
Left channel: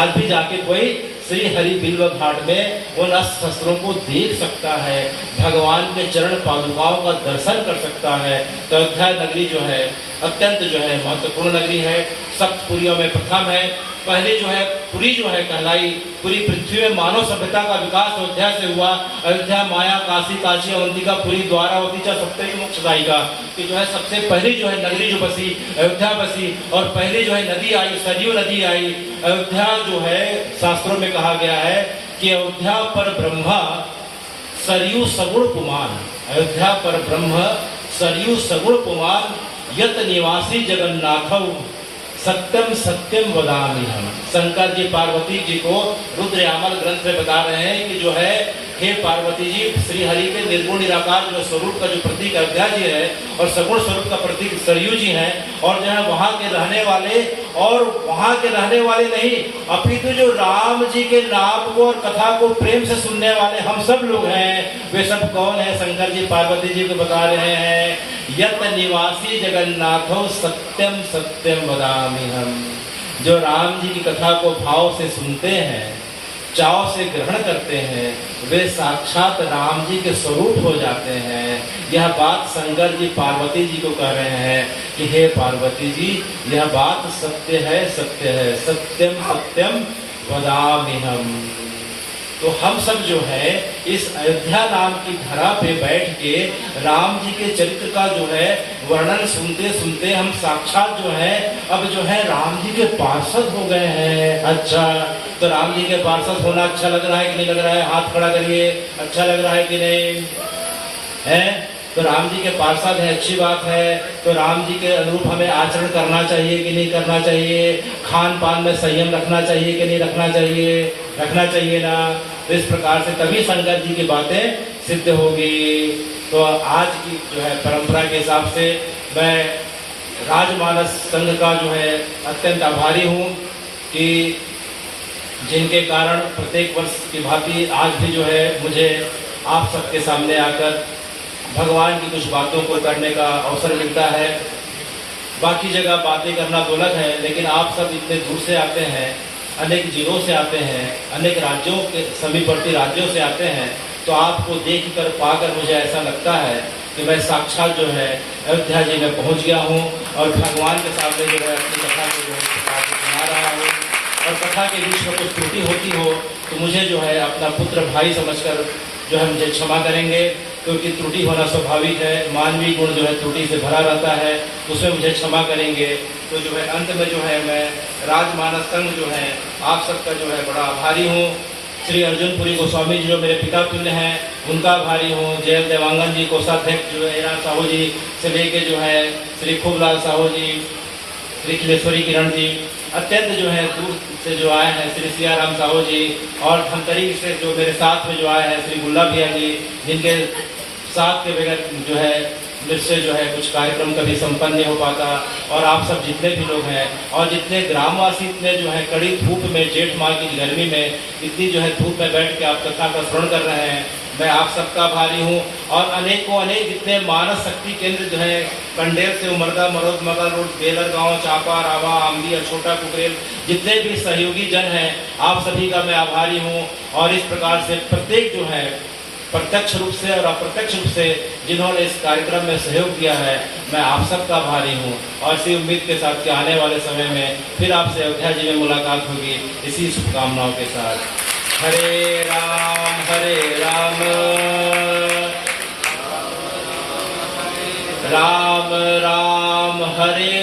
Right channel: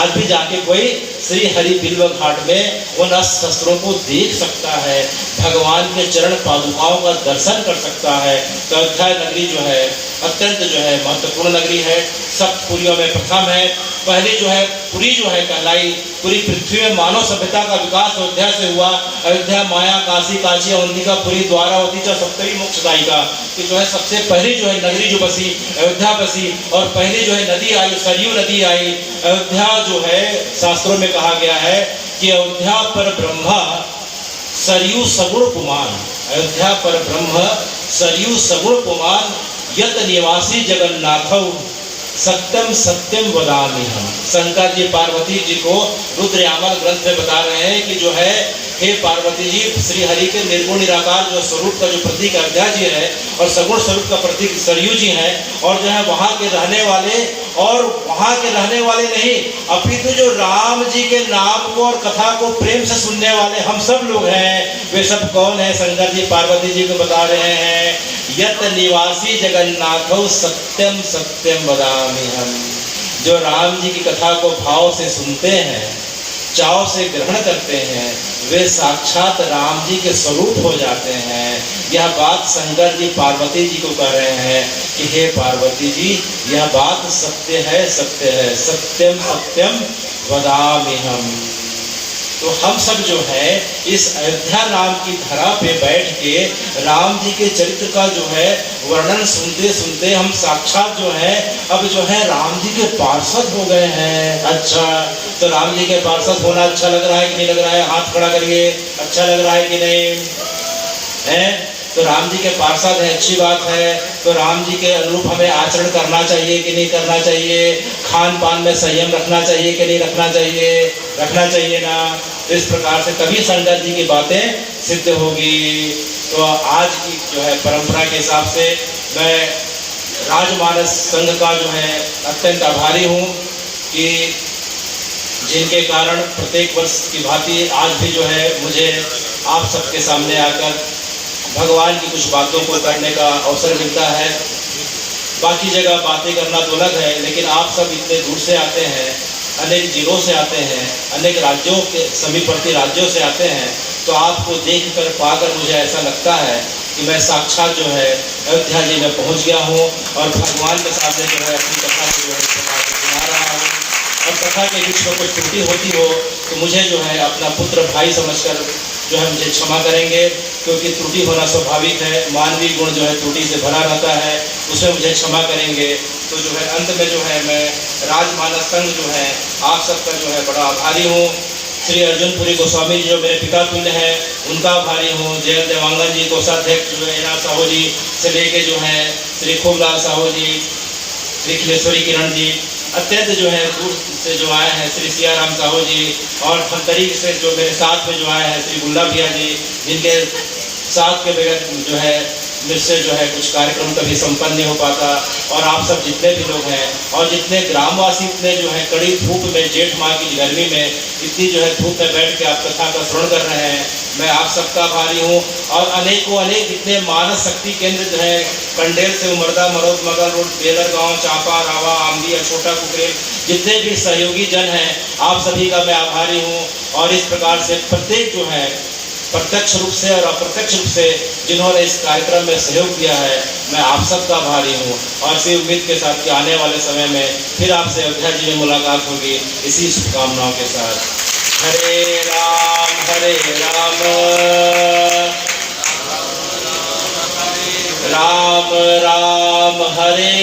आज भी जाके कोई श्री हरिबिल्व घाट में उन अस्त्र शस्त्रों को देख सकता है, भगवान के चरण पादुकाओं का दर्शन कर सकता है। तो अयोध्या नगरी जो है अत्यंत जो है महत्वपूर्ण नगरी है, सप्त पुरियों में प्रथम है। पहले जो है पुरी जो है कहलाई, पूरी पृथ्वी में मानव सभ्यता का विकास अयोध्या से हुआ। अयोध्या माया काशी काशी अवंतिका पुरी द्वारावती च सप्तरी मोक्षदायिका कि जो है सबसे पहली जो है नगरी जो बसी अयोध्या बसी, और पहली जो है नदी आई सरयू नदी आई। अयोध्या जो है शास्त्रों में कहा गया है कि अयोध्या पर ब्रह्मा सरयू सगुण पुमान, अयोध्या पर ब्रह्म सरयू सगुण पुमान यत निवासी जगन्नाथौ सत्यम सत्यम वदामि हम। शंकर जी पार्वती जी को रुद्रयामल ग्रंथ में बता रहे हैं कि जो है हे पार्वती जी, श्री हरि के निर्गुण निराकार जो स्वरूप का जो प्रतीक अयोध्या जी है और सगुण स्वरूप का प्रतीक सरयू जी हैं, और जो है वहाँ के रहने वाले, और वहाँ के रहने वाले नहीं अपितु जो राम जी के नाम को और कथा को प्रेम से सुनने वाले हम सब लोग हैं। वे सब कौन है? शंकर जी पार्वती जी को बता रहे हैं यत निवासी जगन्नाथो सत्यम सत्यम वदामि हम। जो राम जी की कथा को भाव से सुनते हैं, चाव से ग्रहण करते हैं, वे साक्षात राम जी के स्वरूप हो जाते हैं। यह बात शंकर जी पार्वती जी को कह रहे हैं कि हे पार्वती जी, यह बात सत्य है, सत्य है, सत्यम सत्यम वदामि हम। तो हम सब जो है इस अयोध्या नाम की धरा पे बैठ के राम जी के चरित्र का जो है वर्णन सुनते सुनते हम साक्षात जो है अब जो है राम जी के पार्षद हो गए हैं। अच्छा, तो राम जी के पार्षद होना अच्छा लग रहा है कि नहीं लग रहा है? हाथ खड़ा करिए, अच्छा लग रहा है कि नहीं है? तो राम जी के पार्षद है, अच्छी बात है। तो राम जी के अनुरूप हमें आचरण करना चाहिए कि नहीं करना चाहिए, खान पान में संयम रखना चाहिए कि नहीं रखना चाहिए, रखना चाहिए ना। तो इस प्रकार से तभी शंकर जी की बातें सिद्ध होगी। तो आज की जो है परंपरा के हिसाब से मैं राजमानस संघ का जो है अत्यंत आभारी हूँ कि जिनके कारण प्रत्येक वर्ष की भांति आज भी जो है मुझे आप सबके सामने आकर भगवान की कुछ बातों को करने का अवसर मिलता है। बाकी जगह बातें करना तो अलग है, लेकिन आप सब इतने दूर से आते हैं, अनेक जिलों से आते हैं, अनेक राज्यों के समीपवर्ती राज्यों से आते हैं, तो आपको देख कर पाकर मुझे ऐसा लगता है कि मैं साक्षात जो है अयोध्या जी में पहुंच गया हूं और भगवान के सामने जो है अपनी कथा को जो है सुना रहा हूँ। और कथा के बीच में कुछ त्रुटि होती हो तो मुझे जो है अपना पुत्र भाई समझकर जो है मुझे क्षमा करेंगे, क्योंकि त्रुटि होना स्वाभाविक है, मानवीय गुण जो है त्रुटि से भरा रहता है, उसमें मुझे क्षमा करेंगे। तो जो है अंत में जो है मैं राजमानस संघ जो है आप सबका जो है बड़ा आभारी हूँ। श्री अर्जुनपुरी गोस्वामी जी जो मेरे पिता तुल्य हैं उनका आभारी हूँ। जयल देवांगन जी कोषाध्यक्ष जो है एना साहू जी से लेके जो है श्री खूबलाल साहू जी, श्री खिलेश्वरी किरण जी, अत्यंत जो है दूर से जो आए हैं श्री सियाराम साहू जी, और धमतरी से जो मेरे साथ में जो आए हैं श्री गुल्ला भैया जी, जिनके साथ के बगैर जो है मुझसे जो है कुछ कार्यक्रम कभी संपन्न नहीं हो पाता। और आप सब जितने भी लोग हैं और जितने ग्रामवासी इतने जो है कड़ी धूप में, जेठ माह की गर्मी में इतनी जो है धूप में बैठ के आप कथा का श्रवण कर रहे हैं, मैं आप सबका आभारी हूँ। और अनेकों अनेक जितने मानस शक्ति केंद्र जो है कंडेल से उमरदा, मरोद, मगर, बेलर गाँव, चापा, रावा, आमली और छोटा कुकरेल, जितने भी सहयोगी जन हैं आप सभी का मैं आभारी हूँ। और इस प्रकार से प्रत्येक जो है प्रत्यक्ष रूप से और अप्रत्यक्ष रूप से जिन्होंने इस कार्यक्रम में सहयोग किया है, मैं आप सबका आभारी हूँ। और इसी उम्मीद के साथ कि आने वाले समय में फिर आपसे अयोध्या जी में मुलाकात होगी, इसी शुभकामनाओं के साथ। हरे राम राम राम हरे